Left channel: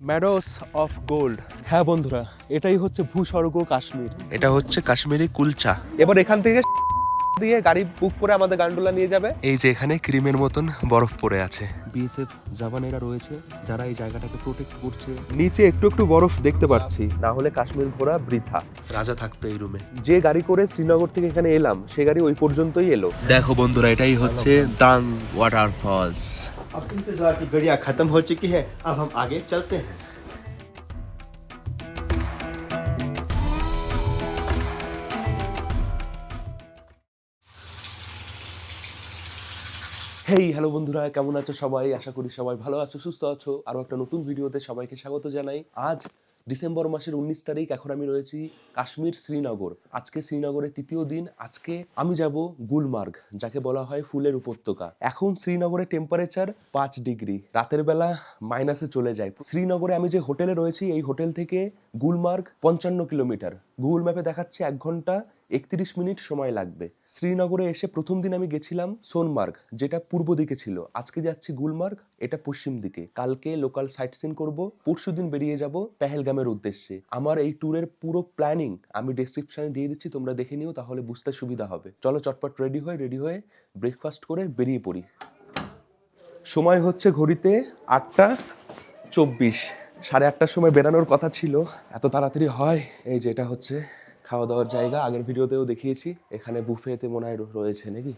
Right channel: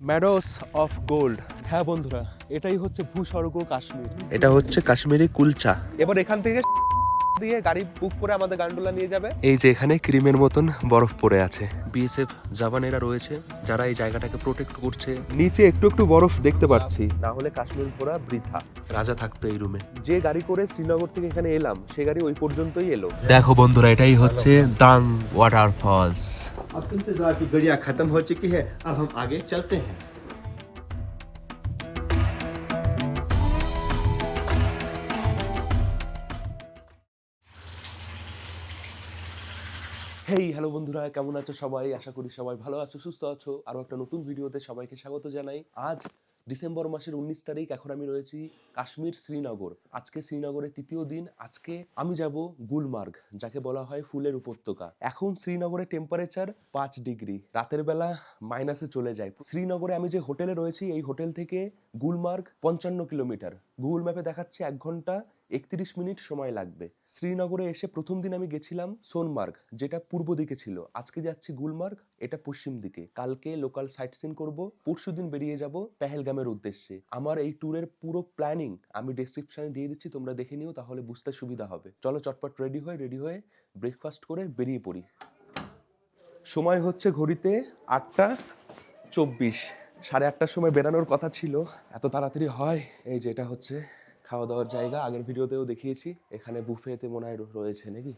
ম্যাডোস of gold. হ্যাঁ বন্ধুরা, এটাই হচ্ছে ভূস্বর্গ কাশ্মীর। এটা হচ্ছে কাশ্মীরি কুলচা। এবার এখান থেকে দিয়ে গাড়ি বুক করে আমাদের গান্ডোলা নিয়ে যাবে। এই যে এখানে ক্রিমের মতন বরফ পড়ে আছে। বিএসএফ জওয়ানেরা রয়েছে যারা এই জায়গাটাকে প্রোটেক্ট করছে। নিচে একটু একটু বরফ দেখতে পাচ্ছি। না হলে কাশ্মীর ঘোরা বৃথা। রাজা থাকতো এই রুমে। যে গাড়ি করে শ্রীনগর থেকে এখানে এলাম সে গাড়ি ওই পর্যন্তই এলো। দেখো বন্ধুরা, এটাই হচ্ছে দাং ওয়াটারফলস। अब इंतजार की घड़ियां खत्म हो चुकी है, अब हम आगे चलते हैं। হেই হ্যালো বন্ধুরা, কেমন আছো সবাই? আশা করি সবাই ভালো আছো, সুস্থ আছো। আরও একটা নতুন ভিডিওতে সবাইকে স্বাগত জানাই। আজ ডিসেম্বর মাসের 19 তারিখ। এখন আমি রয়েছি কাশ্মীর শ্রীনগর। আজকে শ্রীনগরের তৃতীয় দিন। আজকে আমি যাব গুলমার্গ, যাকে বলা হয় ফুলের উপত্যকা। এখন শ্রীনগরের টেম্পারেচার 5 ডিগ্রি, রাতের বেলা মাইনাসে চলে যায়। শ্রীনগরে আমি যে হোটেলে রয়েছি এই হোটেল থেকে গুলমার্গ 55 কিলোমিটার। গুগল ম্যাপে দেখাচ্ছে 1 ঘন্টা 31 মিনিট সময় লাগবে। শ্রীনগরে এসে প্রথম দিন আমি গেছিলাম সোনমার্গ, যেটা পূর্ব দিকে ছিল। আজকে যাচ্ছি গুলমার্গ, এটা পশ্চিম দিকে। কালকে লোকাল সাইট সিন করবো, পরশু দিন বেরিয়ে যাব পেহেলগামের উদ্দেশ্যে। আমার এই ট্যুরের পুরো প্ল্যানিং আমি ডেসক্রিপশনে দিয়ে দিচ্ছি, তোমরা দেখে নিও, তাহলে বুঝতে সুবিধা হবে। চলো চটপট রেডি হয়ে ব্রেকফাস্ট করে বেরিয়ে পড়ি। সময় হচ্ছে ঘড়িতে 8:24। 8:30 সময় বেরানোর কথা ছিল, এত তাড়াতাড়ি হয়? এই যে এটা হচ্ছে খাওয়া দাওয়ার জায়গা। আগের ভিডিওতেও দেখিয়েছি। এখানে বুফেতে মনে হয় রয়েছে নাকি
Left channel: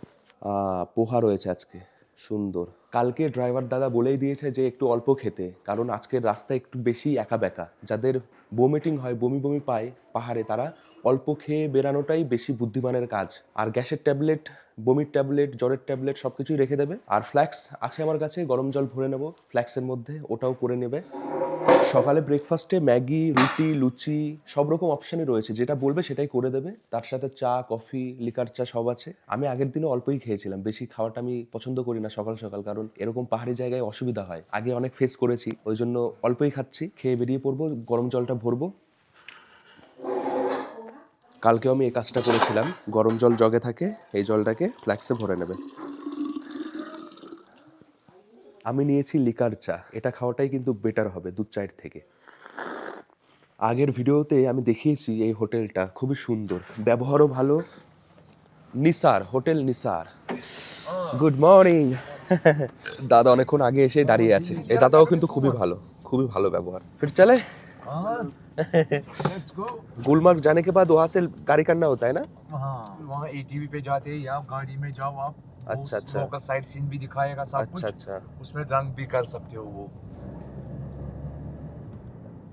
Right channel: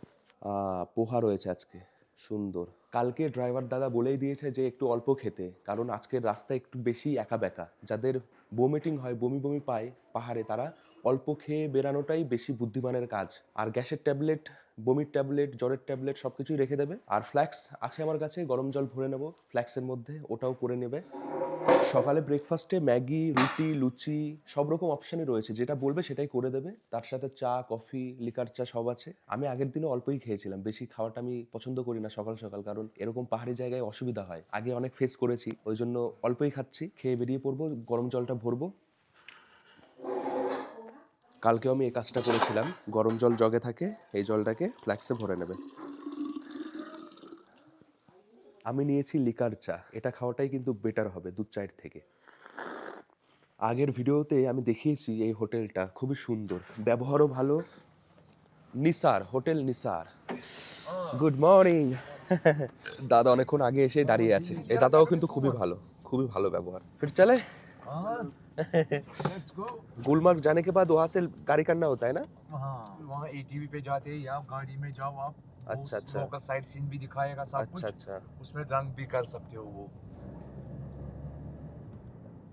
পোহা রয়েছে আজকে, সুন্দর। কালকে ড্রাইভার দাদা বলেই দিয়েছে যে একটু অল্প খেতে, কারণ আজকের রাস্তা একটু বেশি একা বেঁকা। যাদের বমিটিং হয়, বমি বমি পায় পাহাড়ে, তারা অল্প খেয়ে বেরানোটাই বেশি বুদ্ধিমানের কাজ। আর গ্যাসের ট্যাবলেট, বমির ট্যাবলেট, জ্বরের ট্যাবলেট সব কিছুই রেখে দেবে। আর ফ্ল্যাক্স আছে আমার কাছে, গরম জল ভরে নেব ফ্ল্যাক্সের মধ্যে, ওটাও করে নেবে। সকালে ব্রেকফাস্টে ম্যাগি, রুটি, লুচি সব রকম অপশানই রয়েছে, যেটা বলবে সেটাই করে দেবে। তার সাথে চা, কফি, লিকার চা সব আছে। আমি আগের দিনে অল্পই খেয়েছিলাম, বেশি খাওয়াটা আমি পছন্দ করি না সকাল সকাল, কারণ এরকম পাহাড়ি জায়গায় অসুবিধা হয়। আগে অনেক ফেস করেছি, ওই জন্য অল্পই খাচ্ছি। খেয়ে বেরিয়ে পড়বো, গরম জলটা ভরবো। কালকেও আমি এই কাজটা করেছিলাম। গরম জল জগে থাকে, এই জলটাকে ফ্ল্যাক্সে ভরে নেবে। আমি নিয়েছি লিকার চা, এটা খাওয়াটাই কিন্তু বেটার হবে দুধ চায়ের থেকে। আগের ভিডিওতে আমি দেখিয়েছি এই হোটেলটা খুবই সুন্দর, ব্যবহারও ভালো। Nisar hotel, Nisar. Good morning. দাদা অনেকক্ষণ আগে এসে দাঁড়িয়ে আছে। এই দাদাও কিন্তু খুবই ভালো, খুবই ভালো ব্যবহার। फिर चले? Let's go. गुलमर्ग जाने के बाद वहाँ से गाड़ी करना होता है ना? हाँ, वहाँ एटीवी पे जाते हैं या गाड़ी में जाओ आप। अच्छा, अच्छा। लोकल साइट सीन भी दिखाएगा सब कुछ। अच्छा अच्छा। उसमें रंग भी कर सकते हो वो।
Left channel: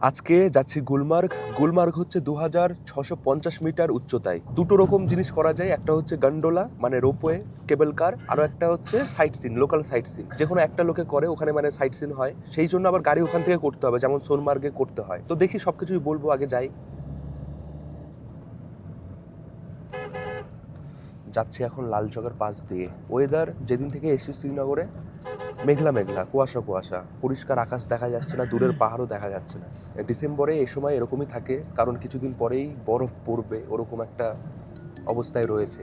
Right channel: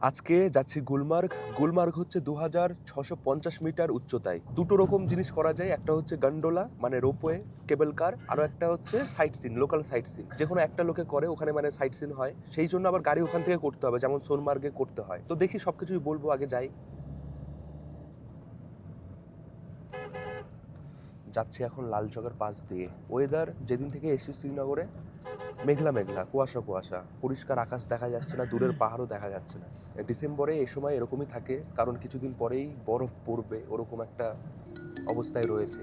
আজকে যাচ্ছি গুলমার্গ। গুলমার্গ হচ্ছে 2650 মিটার উচ্চতায়। দুটো রকম জিনিস করা যায়, একটা হচ্ছে গন্ডোলা মানে রোপওয়ে, কেবল কার, আরো একটা হচ্ছে sight seen, local sight seen. যে কোনো একটা লোকে করে ওখানে, মানে সাইট সিন হয়। সেই জন্য আবার গাড়ি ওখান থেকে করতে হবে, যেমন সোনমার্গে করতে হয়। তো দেখি সবকিছুই বলবো, আগে যাই। যাচ্ছি এখন লালচকের পাশ দিয়ে। ওয়েদার যেদিন থেকে এসেছি শ্রীনগরে মেঘলা মেঘলা, কুয়াশা কুয়াশা, পরিষ্কার আকাশ দেখা যাচ্ছে না, দূরের পাহাড়ও দেখা যাচ্ছে না। ডিসেম্বরে এই সময় এরকমই থাকে, কারণ কিছুদিন পরেই বরফ পড়বে, ওরকম একটা অবস্থায় রয়েছে।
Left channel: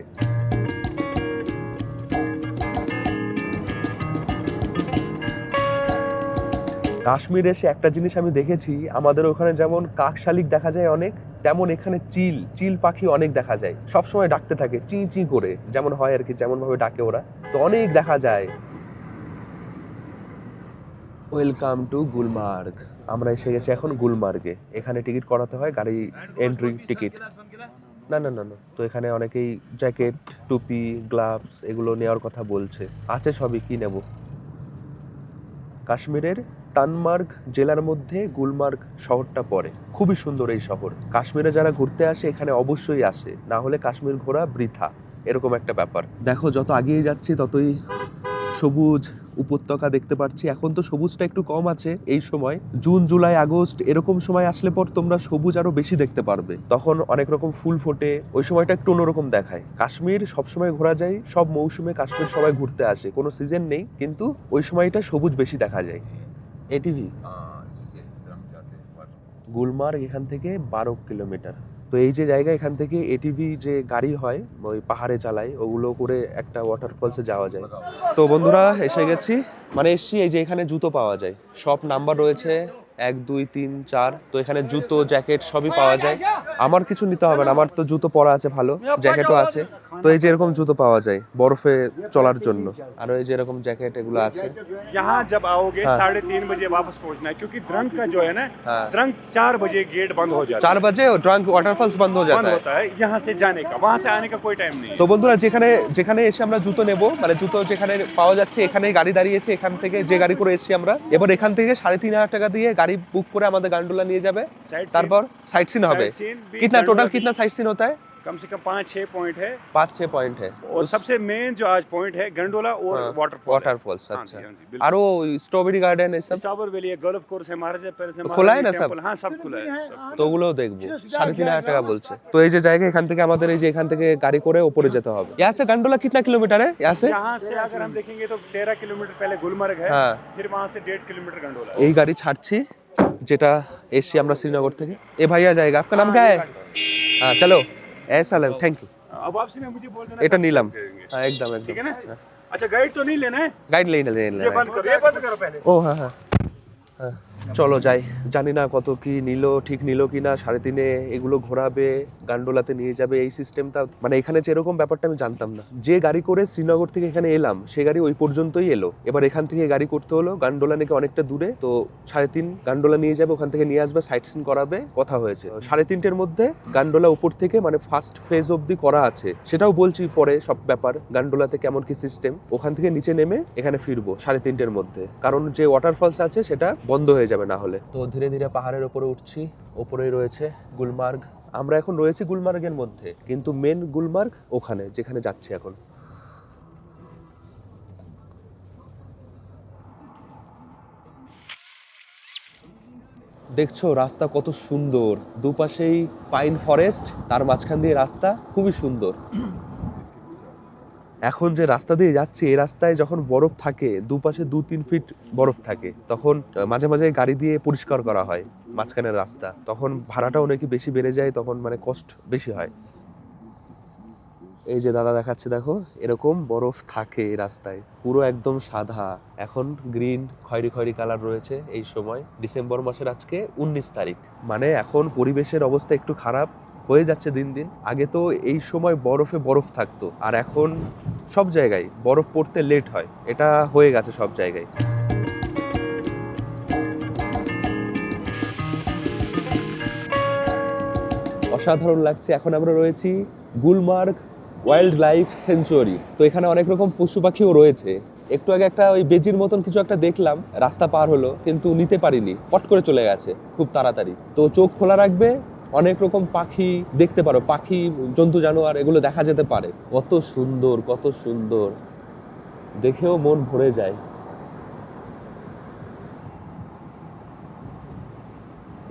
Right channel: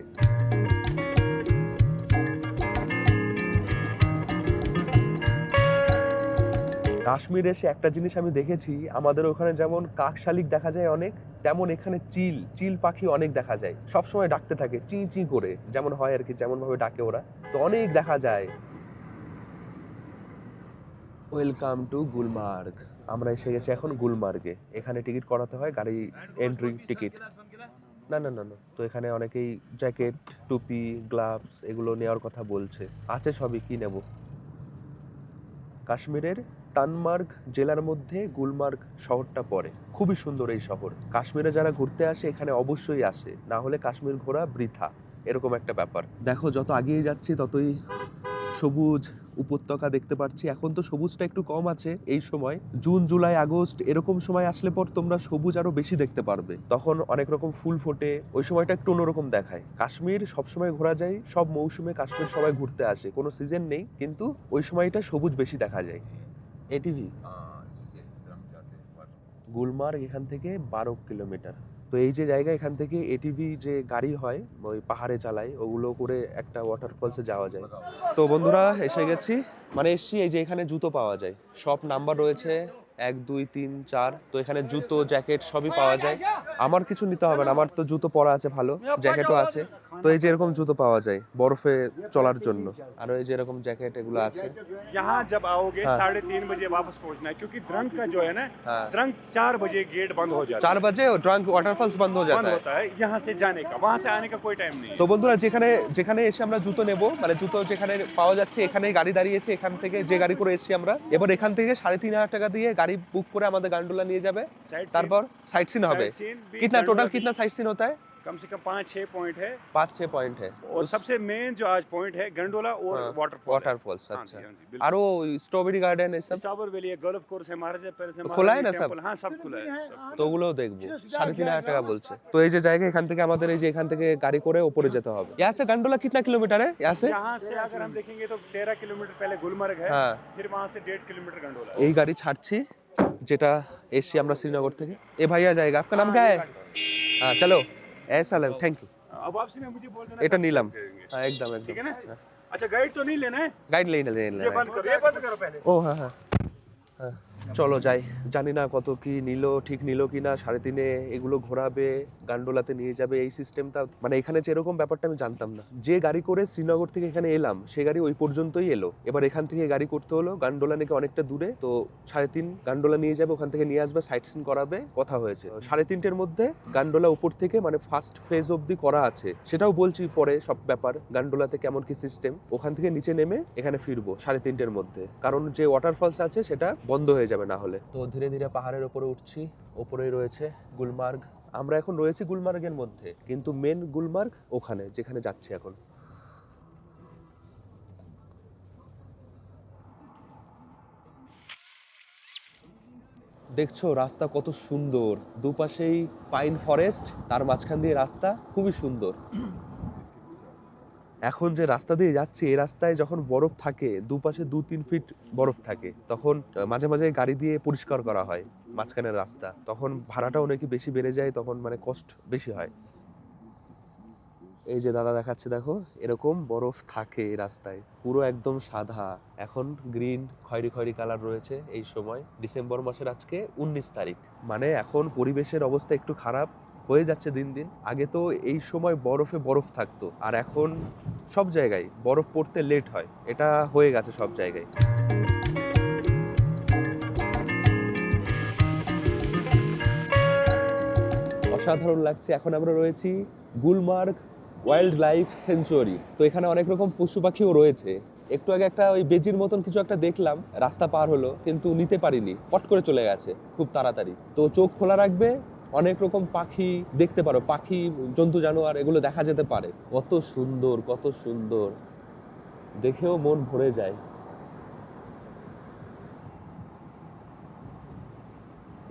কাশ্মীর এসে একটা জিনিস আমি দেখেছি, আমাদের ওখানে যেমন কাক শালিক দেখা যায় অনেক, তেমন এখানে চিল পাখি অনেক দেখা যায়। সবসময় ডাকতে থাকে চি চি করে, যেমন হয় আর কি, যেমন ভাবে ডাকে ওরা, তো অনেক দেখা যায়। Welcome to Gulmarg. আমরা এসে গেছি এখন গুলমার্গে। এখানে টিকিট করাতে হয়, গাড়ি এন্ট্রি টিকিট। না না না না, তো এখানে অনেকেই জ্যাকেট, টুপি, গ্লাভস এগুলো নেওয়ার কথা বলছে। আছে সবই, কি নেব। কাশ্মীরের তানমার্গ জেলার মধ্যে গুলমার্গ শহরটা পড়ে। খুবই সুন্দর এই শহর। কাশ্মীরে যারা ঘুরতে আসে এখানে অবশ্যই আসে, না হলে কাশ্মীর ঘোরা বৃথা, এরকম একটা ব্যাপার। দেখো যত এগিয়ে যাচ্ছি ততই সবুজ উপত্যকা দেখতে পাচ্ছি। এখন তো সবুজটা একটু কম আছে এই সময়, জুন জুলাই আগস্ট এরকম সময় আসলে পর তোমরা সবুজ আরো বেশি দেখতে পারবে। তখন অনেক রকম ফুল ফোটে, ওই সময়টা একটু অন্যরকম দেখায়। কাশ্মীর সবসময় ঘোরা যায়, সব মৌসুমে কাশ্মীর সবাই ঘুরতে আসে, কোনো সিজন নেই, কিন্তু ওই সময়টা সবুজ বেশি দেখা যায়। এটিভি इसी से रंग जाते हैं पर গুলমার্গ এখান থেকে 12 কিলোমিটার। তো এই যে জায়গা, এখান থেকে এটিভি যে গাড়ি হয় ওই পাহাড়ে চালায়, ওগুলো করে একটা ওয়াটারফলসে যাওয়া যায়। তো বন্ধুরা এসে গেছি, মানে এসছি। এই যে এখানে জুতো পাওয়া যায়, সব নাম্বার রয়েছে, 1 2 3 4। তো এখানে জুতো জ্যাকেট সবই পাওয়া যায়। আমার কিছু নিতে হবে না, আমার তো জুতো পরা আছে ভালো, জ্যাকেটও আছে। তো এই যে এরকম জুতো পাওয়া যায় বরফে চলার জন্য, আর এই যে এরকম জ্যাকেট এগুলো আছে। यहाँ जब आओगे हाँ। 3:30 बजे वापस पहुंचना है क्योंकि द्रंग का जो है ना हाँ। द्रंग 4 बजे गेट बंद हो जाता 4 बजे ड्रंक वाटरफॉल्स बंद हो है जाता बंद है। होता है यहाँ से जाने का, वहाँ से आने का कोई टाइम नहीं है। তো বন্ধুরা যেখানে যেখানে এসে আমরা জুতো নেব, মানে জুতো যেখানে পাওয়া যাচ্ছে এখানে গাড়ি দাঁড়িয়েছে, এখান থেকে যে গাড়ি করে এসেছি আমরা, এবার এখান থেকে 3,500 টাকা দিয়ে গাড়ি বুক করে আমাদের গান্ডোলা নিয়ে যাবে, তারপর সাইট সিন হবে। साइट सीन भी कितना गंडोला टोटल की कितना साइट सीन होता है? कम से कम 5-6 पॉइंट है 5-6 पॉइंट है। और सबसे मेन जो आज पॉइंट है गंडोला और हाँ, वाटरफॉल वाटरफॉल्स, अच्छा। और वो स्ट्रॉबेरी गार्डन है सब स्टावर वैली है, गोल्फ कोर्स है, महाराजा पैलेस है, খোলা है महारानी ना सब? टेम्पल, हाँ सब खुला है सब। তো ওগুলোও দেখবো। 3,500 টাকা বলছে। তো এই যে জায়গা, এখান থেকে আমাদের এই যে এখান থেকে গাড়ি করে উপরে যেতে হবে। यहाँ से गंडोला कितना किलोमीटर है यहाँ से? यहाँ से अगर हम देखेंगे तो 13 किलोमीटर पहले गुलमर्ग है, हाँ। फिर वहाँ से 1.5 किलोमीटर गंडोला है। এই গাড়ি ছাড়ছি যেটা এসছি আমরা শ্রীনগর থেকে। এ ভাইয়া জায়গা आपका नाम क्या है? हाँ चलो ऐसा लग, थैंक यू। अब आपसे मैं मुझे बोल देना এটা सब নিলাম, करेंगे। হ্যাঁ একদম ठीक है একদम। ना? अच्छा गाइड तो नहीं लेना है, গাইড লেই না ये बंद करो, ये बंद करो पहले। ও হ্যাঁ হ্যাঁ হ্যাঁ। চলো যাই। জানি না কত কি নিল, ঠিক নিল কি না। 3.5 এগুলো ঘোরাবে, গান্ডোলাতে নিয়ে যাবে, এই সিস্টেমটা মানে এখানে যেরকম ব্যাপারটা আমি জানতাম না। যে গাড়ি করে শ্রীনগর থেকে এখানে এলাম সে গাড়ি ওই পর্যন্তই এলো, এবার এখান থেকে গাড়ি করতে হলো। গান্ডোলা নাকি অনেকটা দূরে, তো 3.5 গান্ডোলা নিয়ে যাবে, ওখান থেকে নিয়ে আসবে, সাইট সিন করাবে, কথা হয়েছে। 3.5 মধ্যে গান্ডোলা উপর থেকে মানে ফার্স্ট ফেজ অবধি করা আছে, সেটাও বলছি পরে সব ব্যাপার। গান্ডোলাতে কেমন কি সিস্টেম, ওখান থেকে নিচে নেমে এখানে ফিরবো 3.5 মধ্যে, কারণ যে ওয়াটারফলস আছে সেটা বন্ধ হয়ে যাবে না হলে। তো ধীরে ধীরে পাহাড়ের উপরে উঠছি, ওপরেই রয়েছে গুলমার্গ। আমরা এখন রয়েছি গুলমার্গের মধ্যে, কিন্তু মেন গুলমার্গ ওখানে যেখানে যাচ্ছি এখন। দেখছো রাস্তা কত সুন্দর, দুপাশেই পাইন ফরেস্ট, তার মাঝখান দিয়ে রাস্তা খুবই সুন্দর। এখন যে রাস্তা দিয়ে যাচ্ছি এই রাস্তায় যখন বরফ থাকে, দুপাশে 2-3 ফিট বরফ থাকে, তখন মাঝে মাঝে গাড়ি দিয়ে পরিষ্কার করা হয় মাঝখানের রাস্তা, তখন ভাড়াটাও নাকি বেশি বেড়ে যায়, তখন মানে কষ্ট বেশি হয়। এই যে দাদা দেখাচ্ছে, দেখো এরকম বরফ থাকে এই রাস্তায়, পুরো একদম সাদা। এখন গ্রিন খয়েরি খয়েরি কালার রয়েছে এই সময়। ডিসেম্বর মাসের আজকে 19 তারিখ, মানে এখন পরিবেশের অবস্থা একটু খারাপ হয়ে যাচ্ছে দিন দিন। আগে তো এই সময় বরফে বরফ থাকতো, আর এখন সব জায়গায় বরফ পড়তে লেট হয়, এটা হয়ে গেছে সব জায়গায়। অসাধারণ লাগছে। এখন আমরা রয়েছি গুলমার্গ ওয়াইল্ড লাইফ সেঞ্চুয়ারি। তো এখানে অনেক রকম পশু পাখিও রয়েছে। একটু আগে একটা ওই বেজির মতন কিছু একটা দেখলাম, রাস্তা পার হলো কিন্তু নিতে পারিনি, পট করে চলে গেছে খুব তাড়াতাড়ি। তো চোখ খোলা রাখবে, অনেক রকম পাখি দেখতে পারো, পাখি জন্তু জানোয়ার এগুলো দেখা যেতে পারে। কত সুন্দর, কত সুন্দর, দেখেও মন ভরে যায়।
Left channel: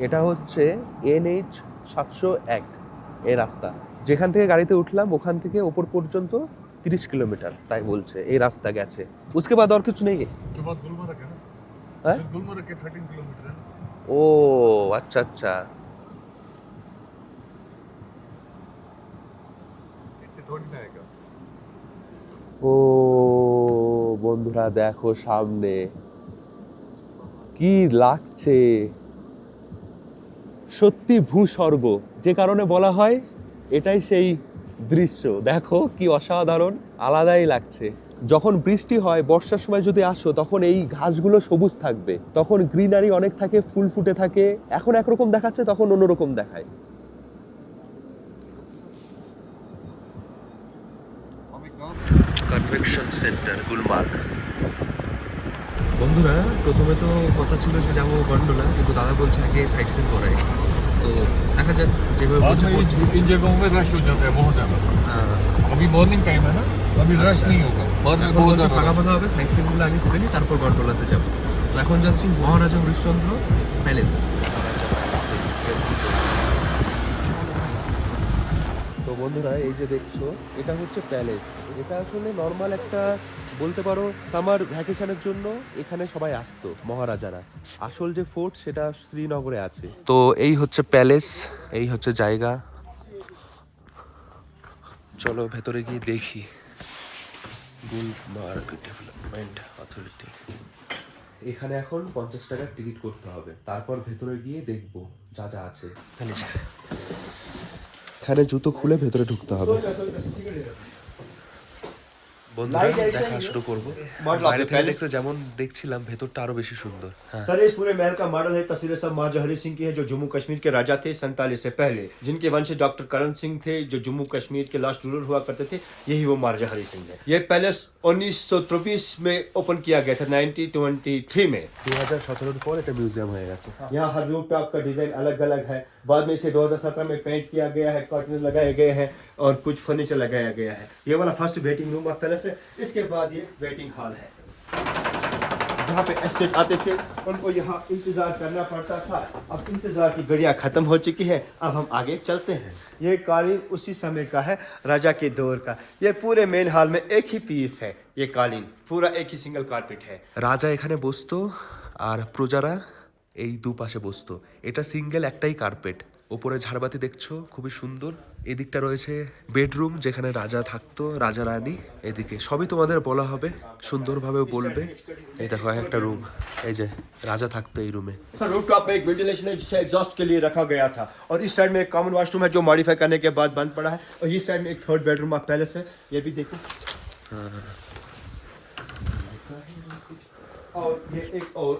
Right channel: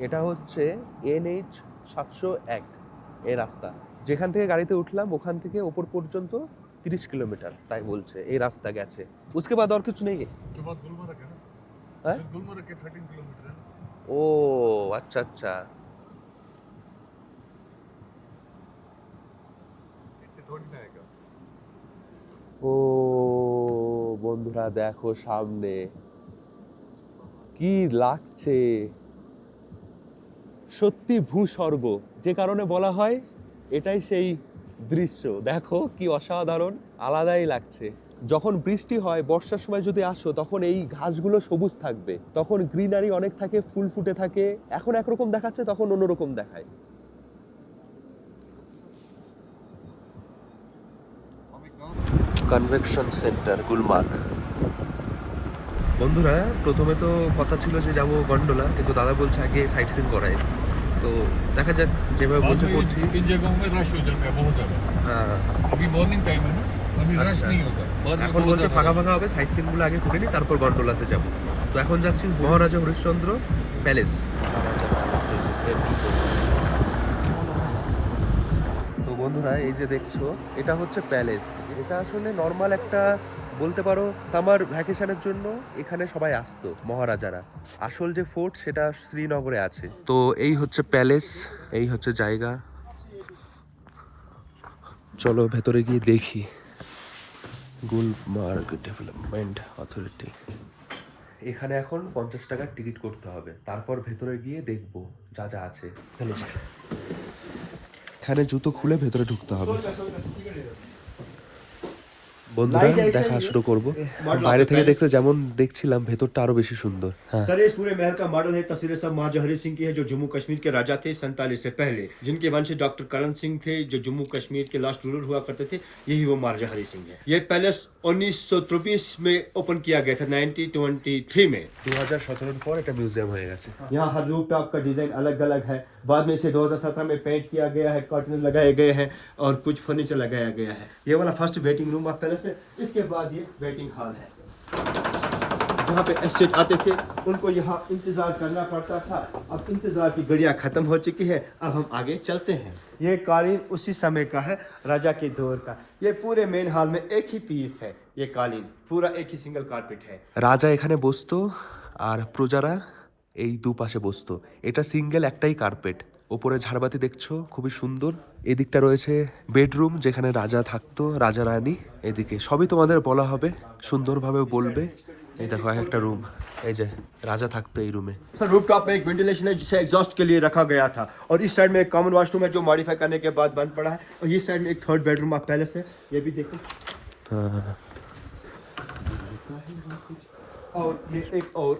এটা হচ্ছে NH 701 এই রাস্তা, যেখান থেকে গাড়িতে উঠলাম ওখান থেকে ওপর পর্যন্ত 30 কিলোমিটার তাই বলছে এই রাস্তা গেছে। उसके बाद और कुछ नहीं है? उसके बाद गुलमर्ग है ना, हैं? गुलमर्ग के 13 किलोमीटर है। ओ अच्छा अच्छा। इससे थोड़ी ना आएगा। ও বন্ধুরা দেখো সামনে কি লাগছে, সত্যি ভূস্বর্গ, যে কারণে বলা হয় এটাই সেই দৃশ্য। দেখো কি অসাধারণ, আলাদাই লাগছে। যখন বৃষ্টি হয় বর্ষার সময় যদি আসো তখন এই ঘাসগুলো সবুজ থাকবে, তখন গ্রিনারি অনেক থাকে, ফুল ফুটে থাকে। এখন একরকম দেখাচ্ছে, তখন অন্যরকম দেখায়। Convection centre Gulmarg. বন্ধুরা প্রথমে তো কথা ছিল যে যাবো গন্ডোলা, কিন্তু দাদা বলছে আগে সাইট সিন করাই, তো দেখা যাক যেভাবে বলছে করছি। इन जगहों में रश हो जाता है बहुत ज्यादा। अभी मॉर्निंग टाइम है ना, अभी रश नहीं होगा। এখন বলছে ফাঁকা ফাঁকা হবে, সাইট সিনগুলো আগে করে নিই তারপর গন্ডোলাতে যাবো। তো এখন যাচ্ছি মহারাজা হরিশ্চন্দ্র প্যালেস। তো বন্ধুরা এই যে দেখছো এটা হচ্ছে প্যালেস। এটা আসলে নর্মাল একটা বলতে পারো সামার ভ্যাকেশনের জন্য এখানে সবাই আসতো মহারাজারা। আসল যে ফোর্ট সেটা শ্রীনগরে আছে। তো এই হচ্ছে প্যালেস, এই হচ্ছে জায়গা। চলো ভেতরে গিয়ে দেখি। গুলমার্গ ডেভেলপমেন্ট অথরিটি, এখানে এখন 50 টাকার টিকিট করতে হবে, তারপর ভেতরে গিয়ে দেখবো যা যা আছে। তাহলে যা, এখানে জুতো খুলে ভেতরে ঢুকতে হবে। বন্ধুরা দেখা শুরু করবো। বাইরে থেকে দেখতে যেমন দেখছিলাম, ভেতরটা আরো বেশি সুন্দর। হ্যাঁ, सर इस पूरे महल का मॉडल है। तस्वीरें सब महाराजा हरि सिंह की है, जो जम्मू कश्मीर के राजा थे 47 से पहले, जिनके वंश डॉक्टर करण सिंह थे, जो जम्मू कश्मीर के लास्ट रूलर हुआ करते थे। यही वो महाराजा हरि सिंह है। ये पैलेस 1923 में ओपन किया गया था, 1923 में। 2017 পর এটা মিউজিয়াম হয়ে গেছে। यहाँ हर रूफ टॉप का डिजाइन अलग अलग है। बाद में इसे 2017 में पेंट किया गया है, कर्टन लगाए गए हैं और कुछ फर्नीचर लगाया गया है। ये वाला first waiting room of palace है। इसके बाद ये वेटिंग हॉल है, जहाँ पे एस्टेट आते थे उनको यहाँ इंतजार करना पड़ता था। अब इंतजार की घड़ियाँ खत्म हो चुकी है, अब हम आगे चलते हैं। ये कालीन उसी समय का है, राजा के दौर का। ये पूरे मेन हॉल में एक ही पीस है। ये कालीन पूरा एक ही सिंगल कारपेट है। রাজা এখানে বসতো আর প্রজারা এই দুপাশে বসতো। এটা সিঙ্গেল একটাই কার্পেট। ওপরে ঝাড়বাতি দেখছো, খুবই সুন্দর। এদিকটা রয়েছে বেডরুম, যেখানে রাজা থাকতো, রাজা রানী। এদিকে সবই তোমাদের বলা হবে, সুন্দরভাবে বলবে। এই দেখো একটা রুম, এই যে রাজা থাকতো এই রুমে। सर रूफ टॉप में एक वेंटिलेशन है, जिसे एग्जॉस्ट के लिए रखा गया था। और इस साइड में एक कॉमन वॉशरूम है, जो मॉडिफाई करने के बाद बंद पड़ा है। और इस साइड में एक थर्ड बेडरूम ऑफ पैलेस है, ये भी देखो। और ये एक और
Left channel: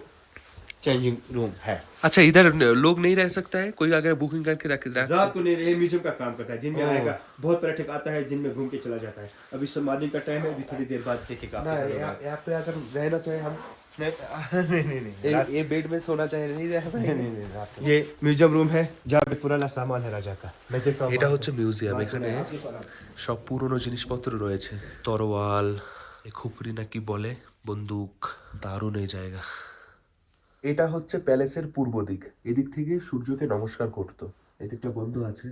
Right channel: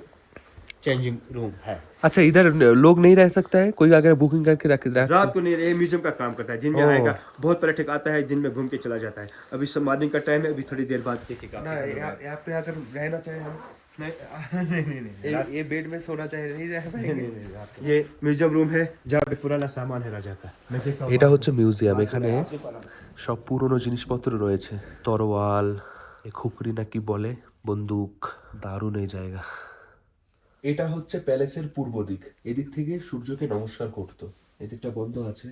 चेंजिंग रूम है। अच्छा, इधर लोग नहीं रह सकता है? कोई अगर बुकिंग करके रख रात को नहीं, ये म्यूजियम का काम करता है। दिन में आएगा, बहुत पर्यटक आता है, दिन में घूम के चला जाता है। अभी सब मॉर्निंग का टाइम है, अभी थोड़ी देर बाद देखेगा। यहाँ पे अगर रहना चाहे हम, ये बेड में सोना चाहे, नहीं रह पाएंगे। ये म्यूजियम रूम है, जहाँ पे पुराना सामान है राजा का। मैं देखता हूँ। এটা হচ্ছে মিউজিয়াম। এখানে সব পুরনো জিনিসপত্র রয়েছে, তরোয়াল, খুপড়ি না কি বলে, বন্দুক। দারুণ এই জায়গা। এটা হচ্ছে প্যালেসের পূর্ব দিক। এদিক থেকে সূর্যকে নমস্কার করতো। এদিকটা বন্ধ আছে,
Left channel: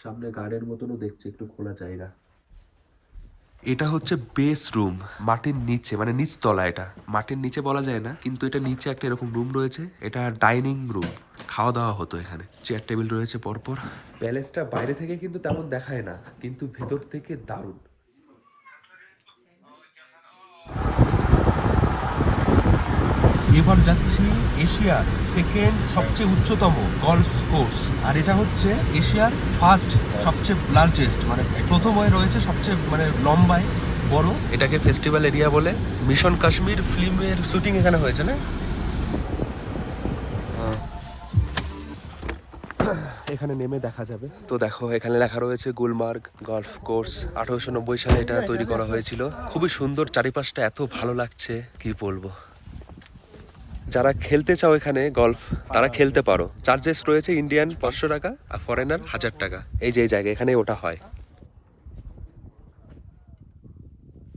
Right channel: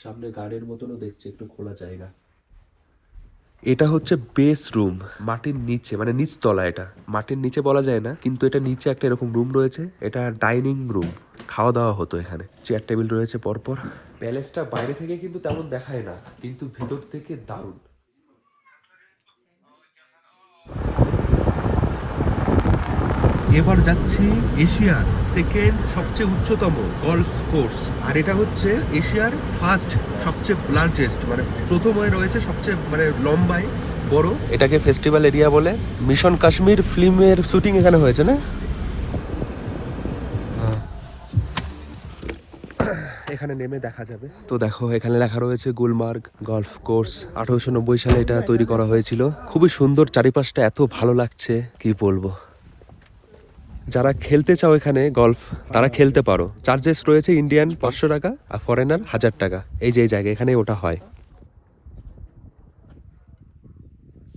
সামনে গার্ডের মতনও দেখছি, একটু খোলা জায়গা। এটা হচ্ছে বেস রুম, মাটির নিচে, মানে নিচতলা। এটা মাটির নিচে বলা যায় না, কিন্তু এটা নিচে একটা এরকম রুম রয়েছে। এটা ডাইনিং রুম, খাওয়া দাওয়া হতো এখানে। চেয়ার টেবিল রয়েছে পরপর। প্যালেসটা বাইরে থেকে কিন্তু তেমন দেখায় না, কিন্তু ভেতর থেকে দারুণ। এবার যাচ্ছি এশিয়ার সেকেন্ড সবচেয়ে উচ্চতম গলফ কোর্স, আর এটা হচ্ছে এশিয়ার ফার্স্ট সবচেয়ে লার্জেস্ট, মানে প্রথম হয়ে রয়েছে সবচেয়ে মানে লম্বায় বড়। এটাকে ফেস্টিভ্যাল এরিয়া বলে। মিশন কাশ্মীর ফিল্মের শুটিং এখানে হয়েছে না? এখানে নেমে দেখা যাবে। তো দেখো এখানে লেখা রয়েছে গুলমার্গ গলফ কোর্স। 1890 সালে এটা তৈরি করা হয়েছিল। খুবই সুন্দর, চারিপাশটা এত ভালো লাগছে কি বলবো। যারা খেলতে চাও এখানে গলফ, তারা খেলতে পারো। চার্জেস রয়েছে ইন্ডিয়ান 500 টাকা আর ফরেনার 1000 টাকা। এই যে এই জায়গায় এখানে ওটা হয়।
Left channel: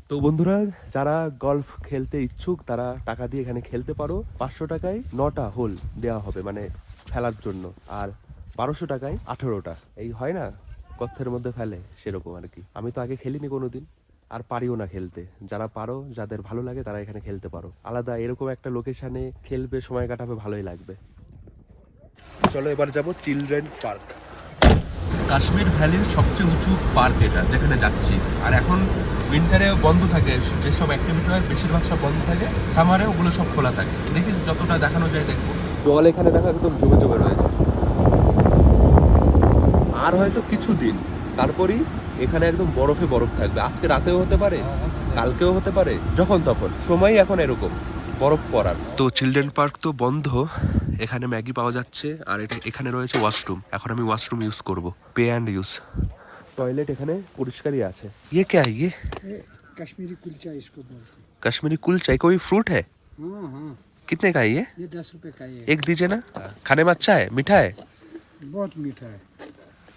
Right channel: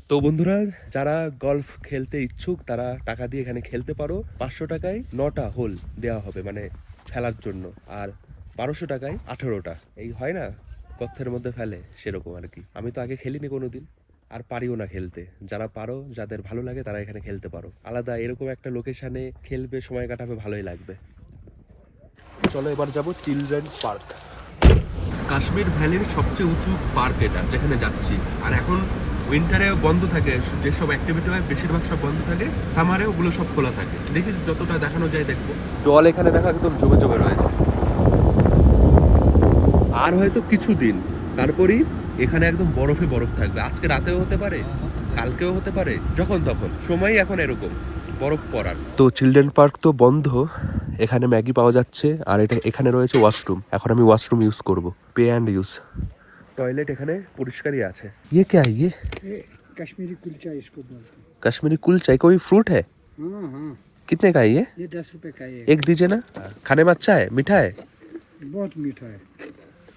তো বন্ধুরা, যারা গলফ খেলতে ইচ্ছুক তারা টাকা দিয়ে এখানে খেলতে পারো। 500 টাকায় 9টা হোল দেওয়া হবে, মানে ফেলার জন্য। আর 1200 টাকায় 18টা। এই হয় না গর্তের মধ্যে ফেলে, সেরকম আর কি। আমি তো আগে খেলিনি কোনোদিন, আর পারিও না খেলতে। যারা পারো, যাদের ভালো লাগে তারা এখানে খেলতে পারো। আলাদা এরকম একটা লোকেশনে খেলবে, সময় কাটাবে, ভালোই লাগবে। চলো এবার যাব চিলড্রেন পার্ক। কাশ্মীর ভ্যালির সবচেয়ে উঁচু পার্ক এটা, যেখানে যাচ্ছি। আর এখন উইন্টারে বন্ধ থাকে, যেসব অ্যাক্টিভিটি হয় বেশিরভাগ সব বন্ধ থাকে। সামারে ওগুলো সব খোলা থাকে। দেখি যতটা দেখানো যায় দেখবো। জল এখানে দেখো একদম জমে জমে রয়েছে। আর হয়তো কিছুদিন তারপরই এখানে একদম বরফে বরফ থাকবে। আজকে রাতেও হতে পারে, কালকেও হতে পারে, যখন তখন। সময় এখন এরকম বরফ পড়ার। তো চিলড্রেন পার্ক তো বন্ধ। এখানে ম্যাগি পাওয়া যাচ্ছে, আর এটা এখানে রয়েছে ওয়াশরুম। এখন আমি ওয়াশরুম ইউজ করব, পে অ্যান্ড ইউজ। টয়লেট এখানে পরিষ্কারই আছে। ये क्या है? ये कश्मीरी कुलचा इसको बोलते हैं। कश्मीरी कुलचा, कोई फ्रूट है? कितने का है ये? ये 10 रुपए का है। एक दीजिए ना। खाने में अच्छा है, मीठा है? बहुत मीठा है।